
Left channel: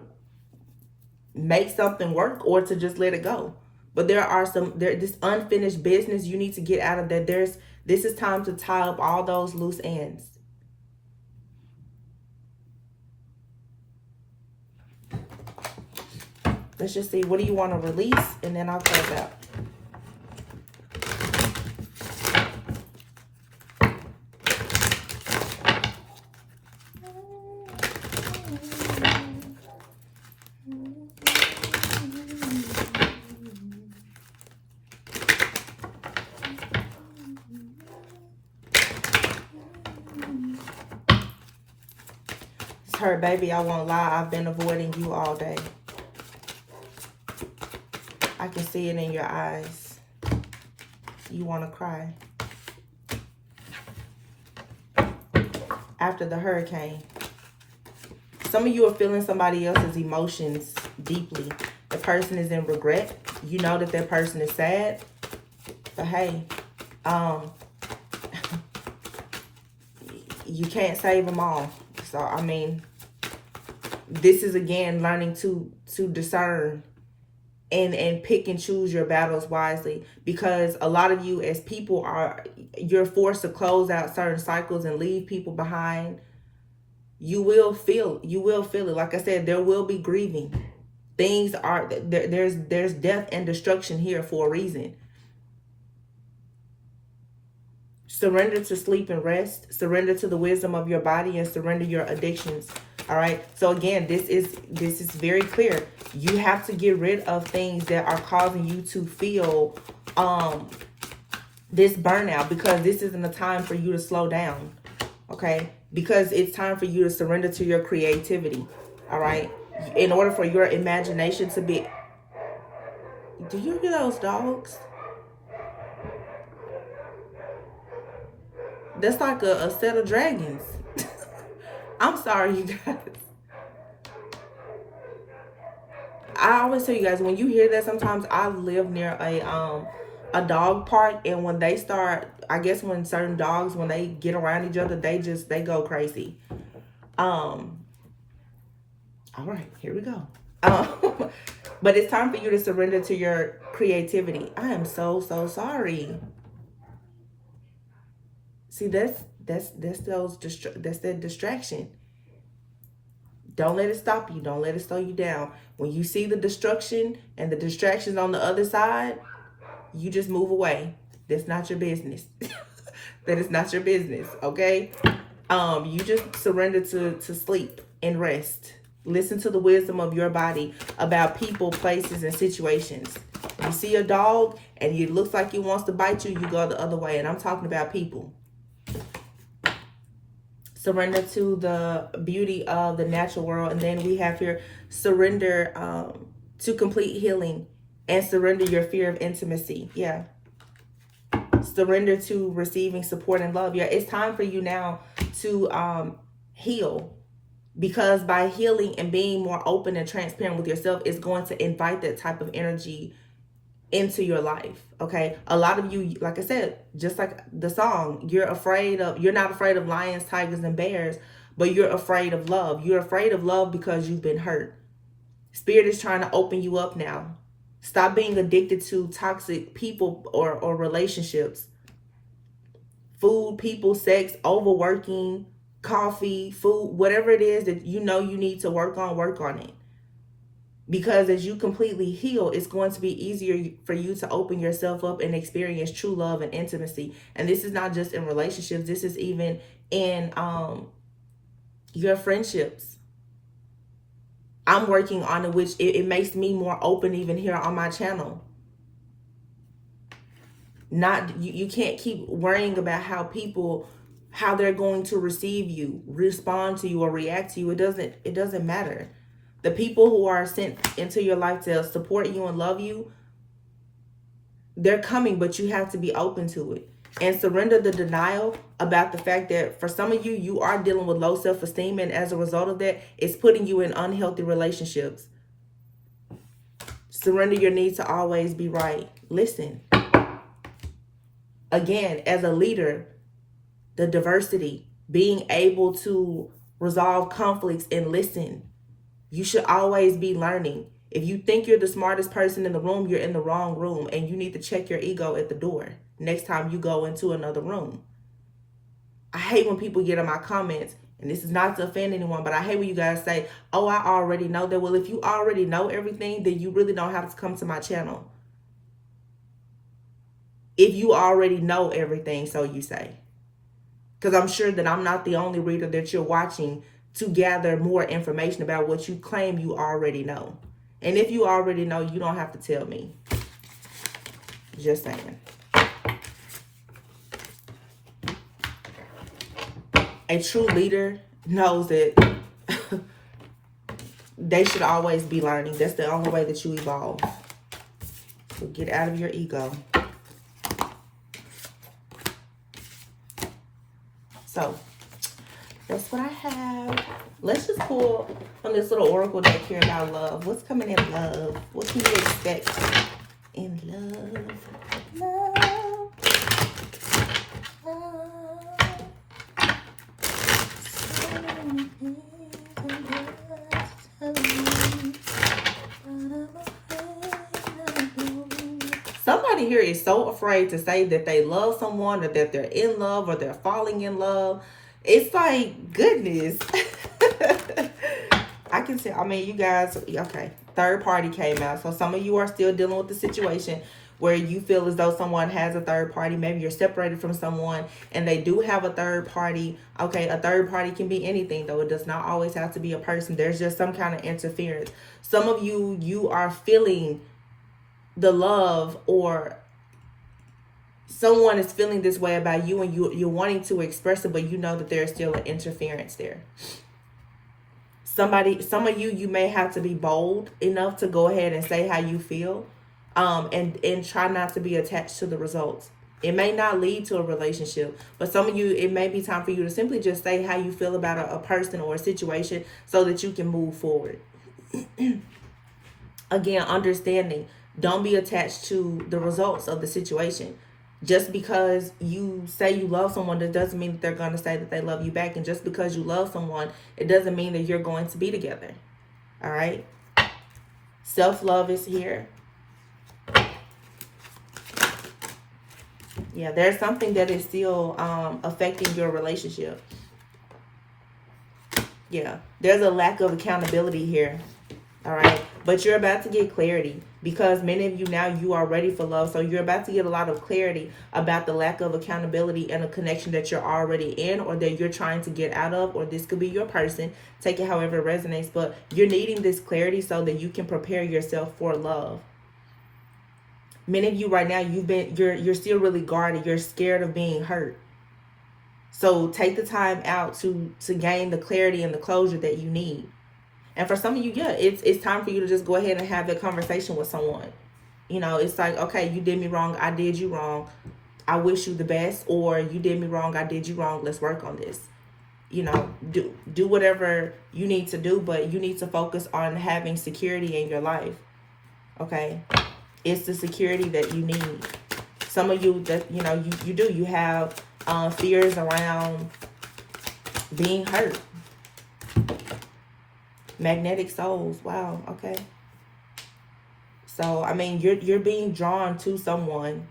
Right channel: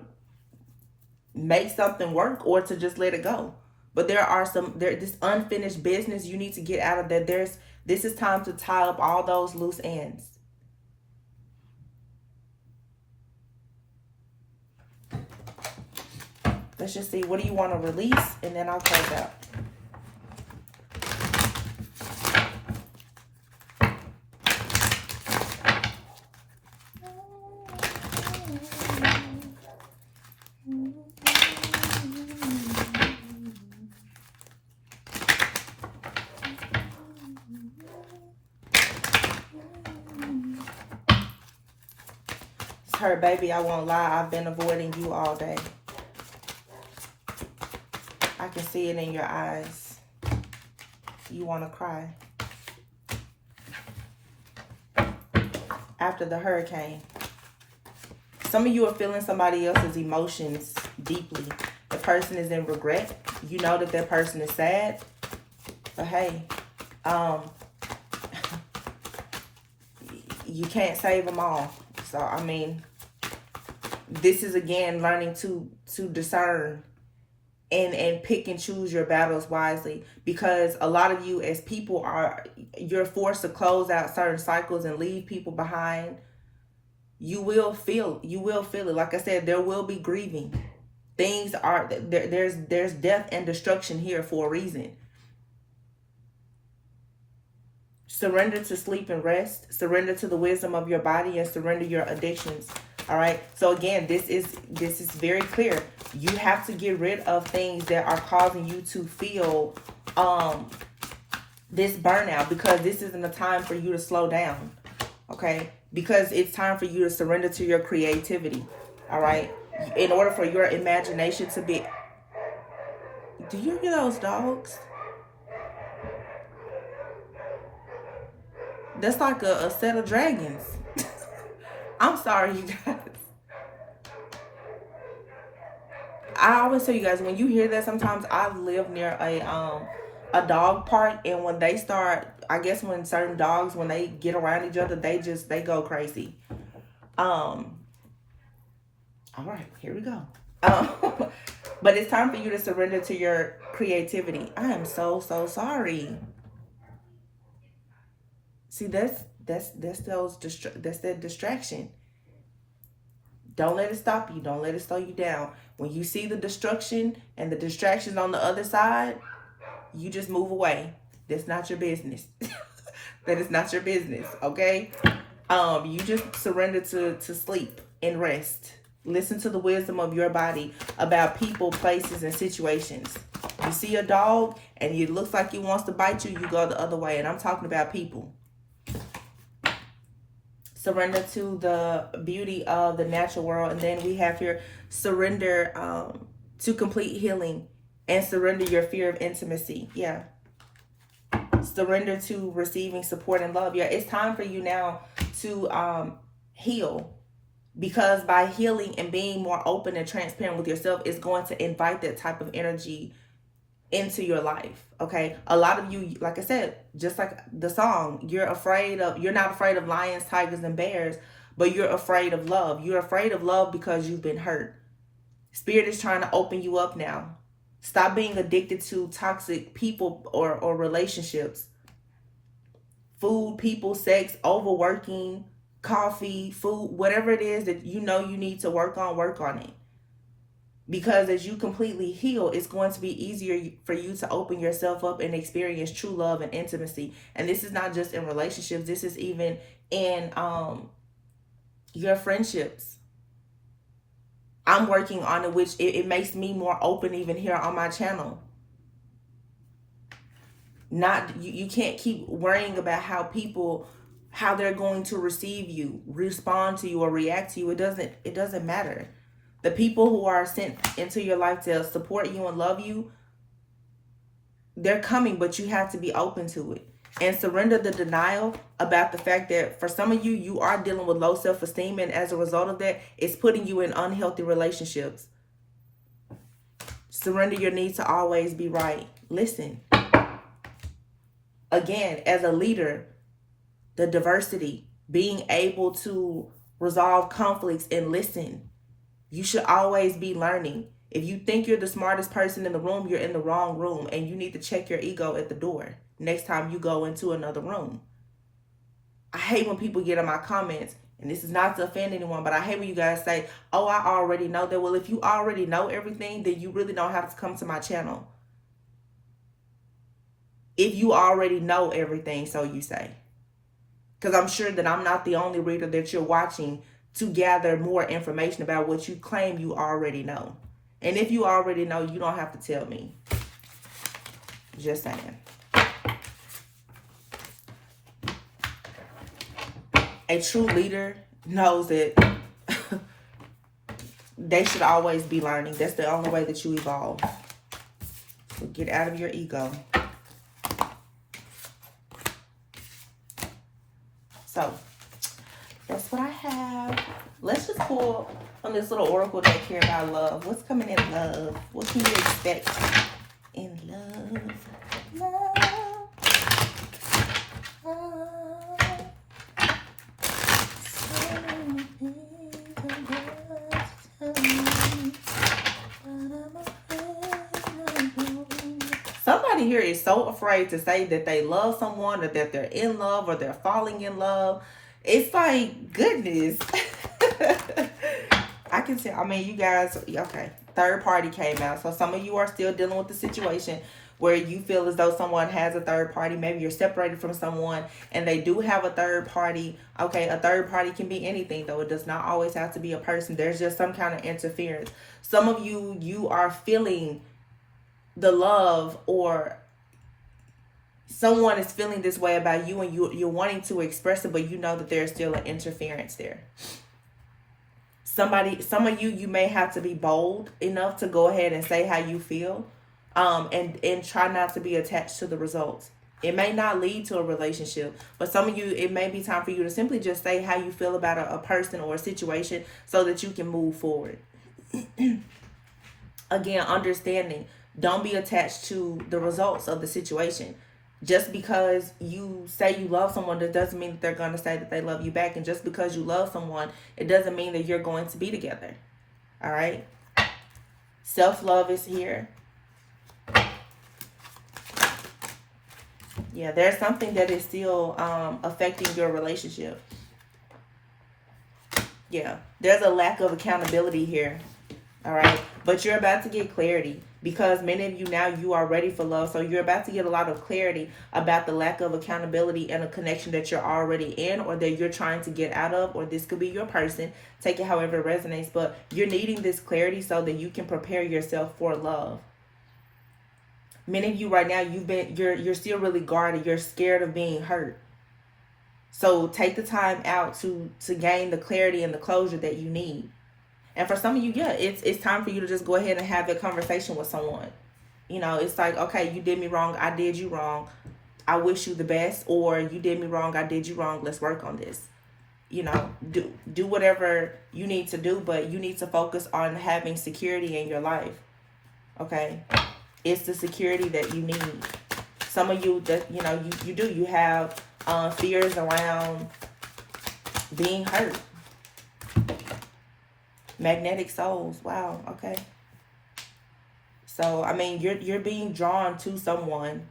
make something work or to just let it go. But this unfinished business you need to get out of that. This is time to tie up all those loose ends. Let's just see, what do you want to release? And then I'll close out. It's her, baby, I won't lie. I've been avoiding you all day. I can see it in your eyes. You want to cry. After the hurricane. Some of you are feeling somebody else's emotions deeply. The person is in regret. You know that person is sad. So, hey, you can't save them all. So, I mean, this is, again, learning to discern. And pick and choose your battles wisely, because a lot of you as people you're forced to close out certain cycles and leave people behind. You will feel it. Like I said, there will be grieving. Things are there's death and destruction here for a reason. Surrender to sleep and rest. Surrender to the wisdom of your body, and surrender your addictions. All right. So again, this is very clear. You have to get rid of things that are causing you to feel this burnout, because this isn't the time for you to slow down. Okay? Because it's time for you to surrender to your creativity. All right? In order for your imagination to be... Do you hear those dogs? That's like a set of dragons. I'm sorry, you guys. I always tell you guys, when you hear that, sometimes I live near a dog park, and when they start, I guess when certain dogs, when they get around each other, they go crazy. All right, here we go. But it's time for you to surrender to your creativity. I am so sorry. See, that's that distraction. Don't let it stop you. Don't let it slow you down. When you see the destruction and the distractions on the other side, you just move away. That's not your business. That is not your business, okay? You just surrender to sleep and rest. Listen to the wisdom of your body about people, places, and situations. You see a dog and it looks like it wants to bite you, you go the other way. And I'm talking about people. Surrender to the beauty of the natural world. And then we have here, surrender to complete healing, and surrender your fear of intimacy. Yeah. Surrender to receiving support and love. Yeah, it's time for you now to heal, because by healing and being more open and transparent with yourself, it's going to invite that type of energy into your life. Okay, a lot of you, like I said, just like the song, you're not afraid of lions, tigers, and bears, but you're afraid of love. You're afraid of love because you've been hurt. Spirit is trying to open you up now. Stop being addicted to toxic people or relationships. food, people, sex, overworking, coffee, food, whatever it is that you know you need to work on it. Because as you completely heal, it's going to be easier for you to open yourself up and experience true love and intimacy. And this is not just in relationships. This is even in your friendships. I'm working on it, which it makes me more open even here on my channel. You can't keep worrying about how they're going to receive you, respond to you, or react to you. It doesn't matter. The people who are sent into your life to support you and love you, they're coming, but you have to be open to it. And surrender the denial about the fact that for some of you, you are dealing with low self-esteem. And as a result of that, it's putting you in unhealthy relationships. Surrender your need to always be right. Listen. Again, as a leader, the diversity, being able to resolve conflicts and listen. You should always be learning. If you think you're the smartest person in the room, you're in the wrong room, and you need to check your ego at the door next time you go into another room. I hate when people get in my comments, and this is not to offend anyone, but I hate when you guys say, oh, I already know that. Well, if you already know everything, then you really don't have to come to my channel. If you already know everything, so you say. Because I'm sure that I'm not the only reader that you're watching to gather more information about what you claim you already know. And if you already know, you don't have to tell me. Just saying. A true leader knows that they should always be learning. That's the only way that you evolve. So get out of your ego. So that's what I have. Let's just pull from this little oracle deck here about love. What's coming in love? What can you expect in love? Somebody here is so afraid to say that they love someone, or that they're in love, or they're falling in love. It's like, goodness. I can tell. I mean, you guys, okay. Third party came out. So some of you are still dealing with the situation where you feel as though someone has a third party. Maybe you're separated from someone and they do have a third party. Okay, a third party can be anything, though. It does not always have to be a person. There's just some kind of interference. Some of you are feeling the love, or someone is feeling this way about you, and you're wanting to express it, but you know that there's still an interference there. Some of you may have to be bold enough to go ahead and say how you feel, and try not to be attached to the results. It may not lead to a relationship, but some of you, it may be time for you to simply just say how you feel about a person or a situation so that you can move forward. Again, understanding, don't be attached to the results of the situation. Just because you say you love someone, that doesn't mean that they're going to say that they love you back. And just because you love someone, it doesn't mean that you're going to be together. All right? Self-love is here. Yeah, there's something that is still affecting your relationship. Yeah, there's a lack of accountability here. All right? But you're about to get clarity, because many of you now, you are ready for love. So you're about to get a lot of clarity about the lack of accountability and a connection that you're already in, or that you're trying to get out of, or this could be your person. Take it however it resonates. But you're needing this clarity so that you can prepare yourself for love. Many of you right now, you're still really guarded. You're scared of being hurt. So take the time out to gain the clarity and the closure that you need. And for some of you, yeah, it's time for you to just go ahead and have that conversation with someone. You know, it's like, okay, you did me wrong. I did you wrong. I wish you the best. Or you did me wrong. I did you wrong. Let's work on this. You know, do whatever you need to do, but you need to focus on having security in your life. Okay? It's the security that you need. Some of you, that you know, you have fears around being hurt. Magnetic souls. Wow. Okay. So, I mean, you're being drawn to someone.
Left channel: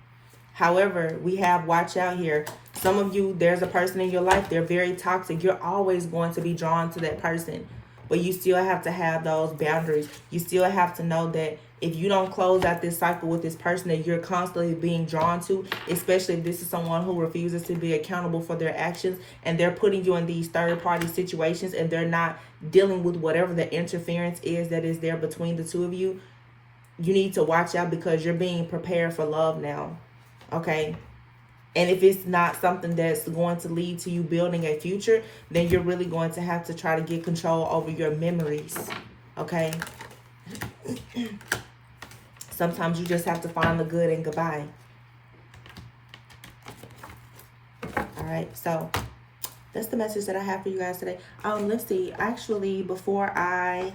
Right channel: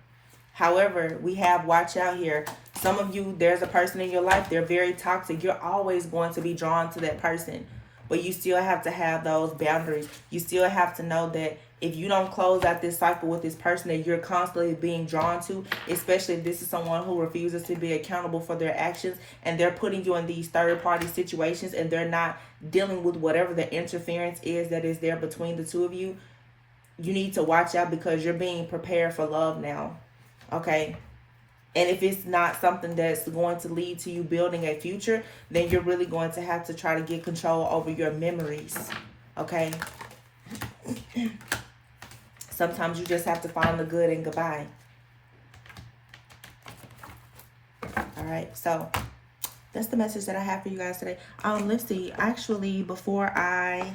However, we have watch out here. Some of you, there's a person in your life, they're very toxic. You're always going to be drawn to that person. But you still have to have those boundaries. You still have to know that if you don't close out this cycle with this person that you're constantly being drawn to, especially if this is someone who refuses to be accountable for their actions, and they're putting you in these third-party situations, and they're not dealing with whatever the interference is that is there between the two of you, you need to watch out, because you're being prepared for love now, okay? And if it's not something that's going to lead to you building a future, then you're really going to have to try to get control over your memories, okay? Sometimes you just have to find the good and goodbye. All right, so that's the message that I have for you guys today. Let's see. Actually, before I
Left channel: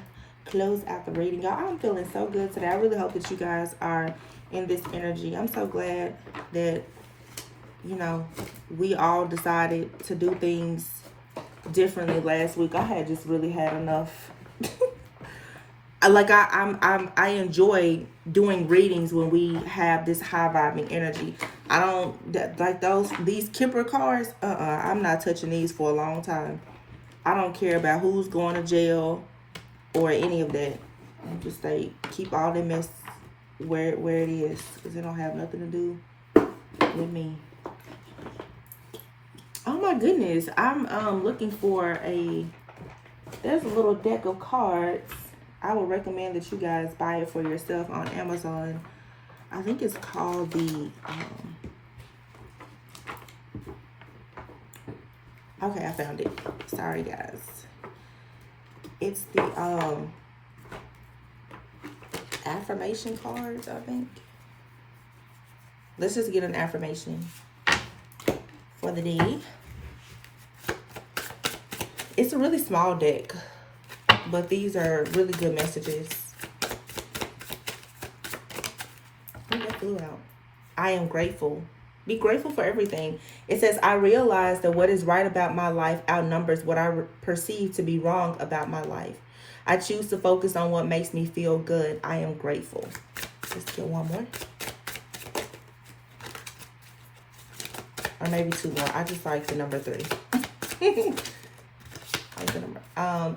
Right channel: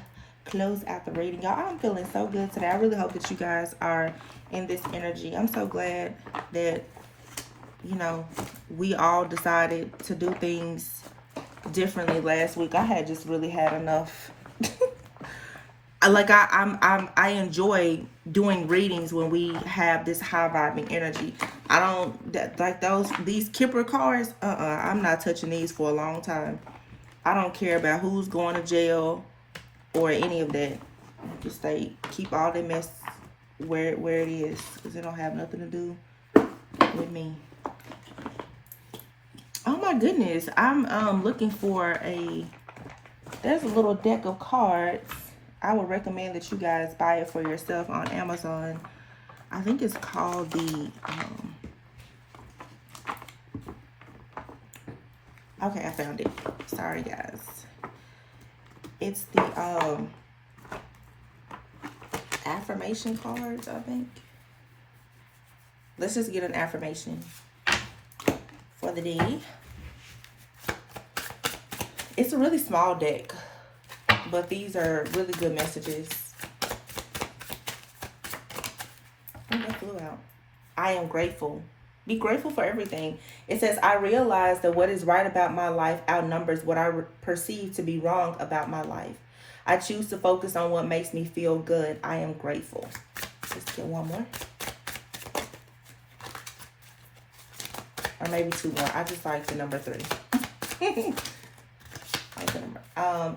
close out the reading, y'all, I'm feeling so good today. I really hope that you guys are in this energy. I'm so glad that, you know, we all decided to do things differently last week. I had just really had enough. Like I enjoy doing readings when we have this high vibing energy. I don't like these Kipper cards. I'm not touching these for a long time. I don't care about who's going to jail or any of that. I'm just like, keep all the mess where it is, because it don't have nothing to do with me. Oh my goodness, I'm looking for there's a little deck of cards. I would recommend that you guys buy it for yourself on Amazon. I think it's called the, okay, I found it. Sorry, guys. It's the affirmation cards, I think. Let's just get an affirmation for the day. It's a really small deck, but these are really good messages. Oh, that flew out. I am grateful. Be grateful for everything. It says, I realize that what is right about my life outnumbers what I perceive to be wrong about my life. I choose to focus on what makes me feel good. I am grateful. Let's get one more. Or maybe two more. I just like the number 3.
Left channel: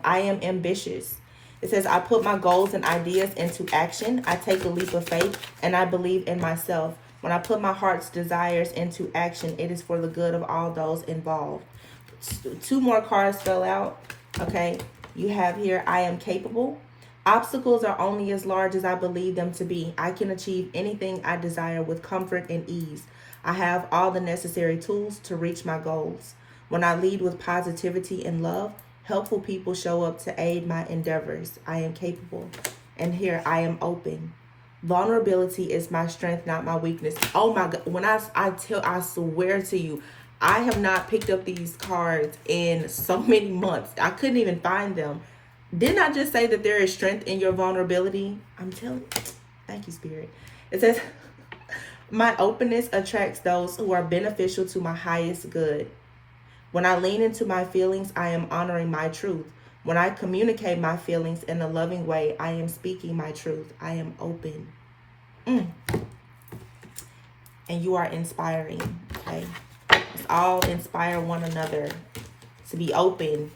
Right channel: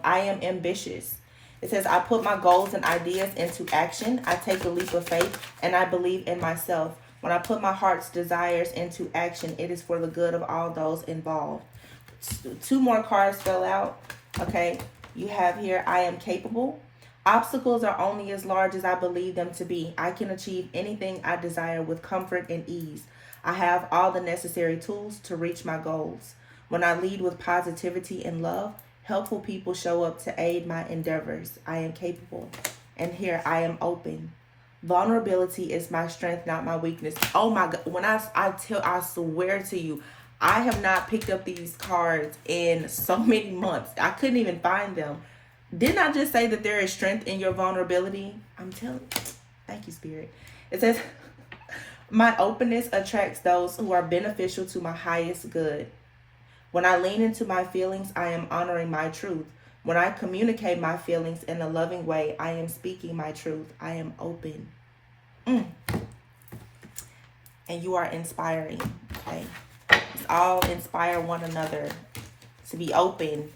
I am ambitious. It says, I put my goals and ideas into action. I take a leap of faith, and I believe in myself. When I put my heart's desires into action, it is for the good of all those involved. 2 more cards fell out. Okay. You have here, I am capable. Obstacles are only as large as I believe them to be. I can achieve anything I desire with comfort and ease. I have all the necessary tools to reach my goals. When I lead with positivity and love, helpful people show up to aid my endeavors. I am capable. And here, I am open. Vulnerability is my strength, not my weakness. Oh my God. When I swear to you, I have not picked up these cards in so many months. I couldn't even find them. Didn't I just say that there is strength in your vulnerability? I'm telling you. Thank you, Spirit. It says, my openness attracts those who are beneficial to my highest good. When I lean into my feelings, I am honoring my truth. When I communicate my feelings in a loving way, I am speaking my truth. I am open. And you are inspiring, okay? Let's all inspire one another to be open,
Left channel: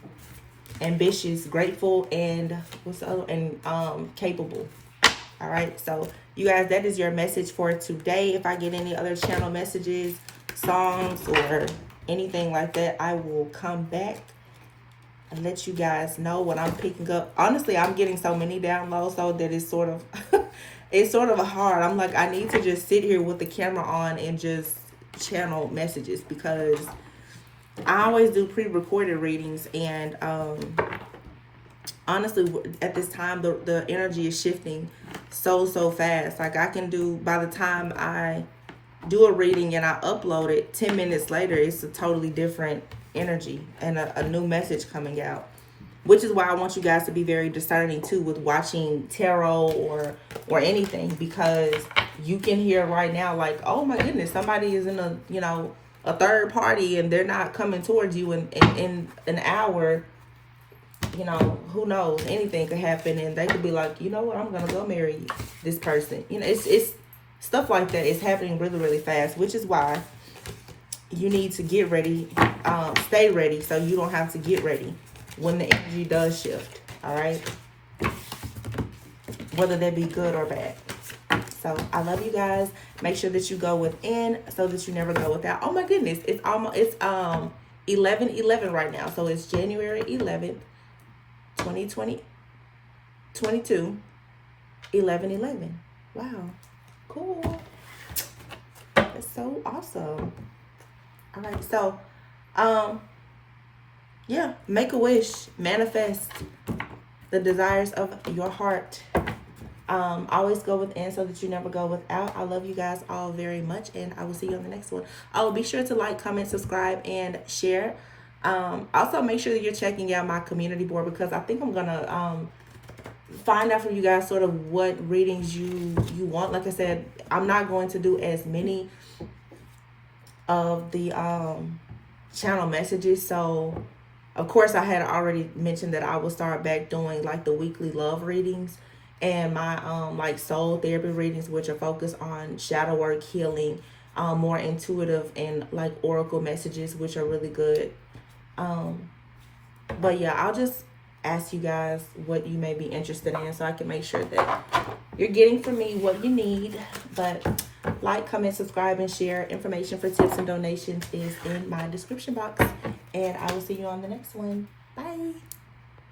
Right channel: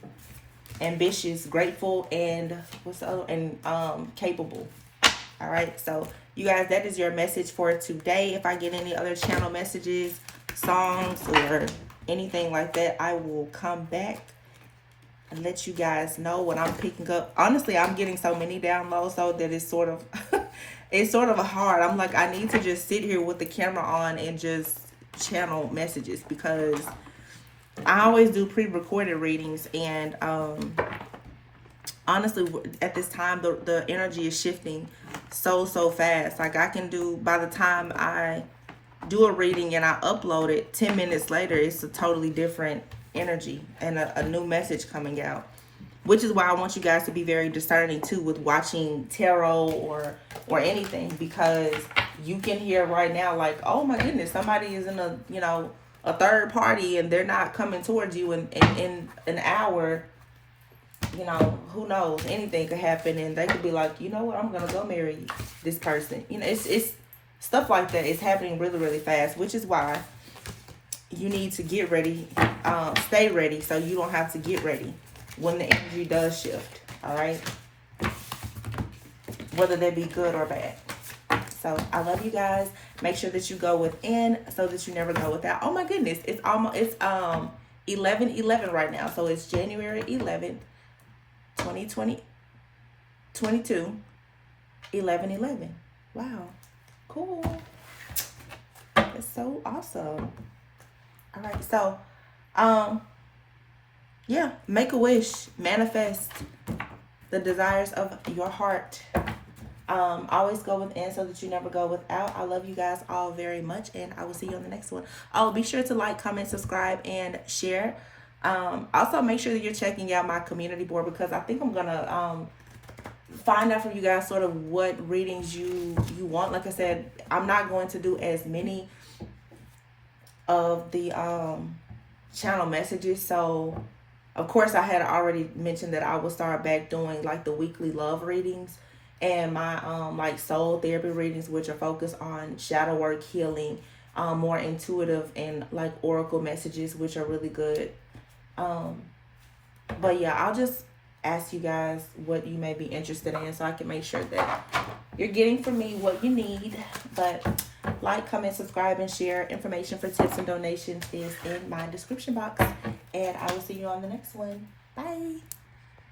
ambitious, grateful, and what's the other? And capable. All right, so you guys, that is your message for today. If I get any other channel messages, songs, or anything like that, I will come back and let you guys know what I'm picking up. Honestly, I'm getting so many downloads, so that it's sort of it's sort of hard. I'm like, I need to just sit here with the camera on and just channel messages, because I always do pre-recorded readings, and honestly, at this time, the energy is shifting so fast. Like, I can do, by the time I do a reading and I upload it, 10 minutes later, it's a totally different energy and a new message coming out. Which is why I want you guys to be very discerning too with watching tarot or anything, because you can hear right now, like, oh my goodness, somebody is in a third party and they're not coming towards you in an hour. Who knows, anything could happen, and they could be like, you know what, I'm gonna go marry this person. It's stuff like that is happening really fast, which is why you need to get ready, stay ready, so you don't have to get ready when the energy does shift. All right, whether that be good or bad. So I love you guys. Make sure that you go within so that you never go without. Oh my goodness, it's almost 11/11 right now. So it's January 11th, 2022, 11/11. Wow, cool. That's so awesome. All right, so yeah, make a wish, manifest the desires of your heart. Always go within so that you never go without. I love you guys all very much, and I will see you on the next one. Oh, be sure to like, comment, subscribe, and share. Also, make sure that you're checking out my community board, because I think I'm gonna find out from you guys sort of what readings you want. Like I said, I'm not going to do as many of the channel messages, so of course I had already mentioned that I will start back doing like the weekly love readings and my like soul therapy readings, which are focused on shadow work, healing, more intuitive, and like oracle messages, which are really good. But yeah, I'll just ask you guys what you may be interested in so I can make sure that you're getting from me what you need. But like, comment, subscribe, and share. Information for tips and donations is in my description box, and I will see you on the next one. Bye.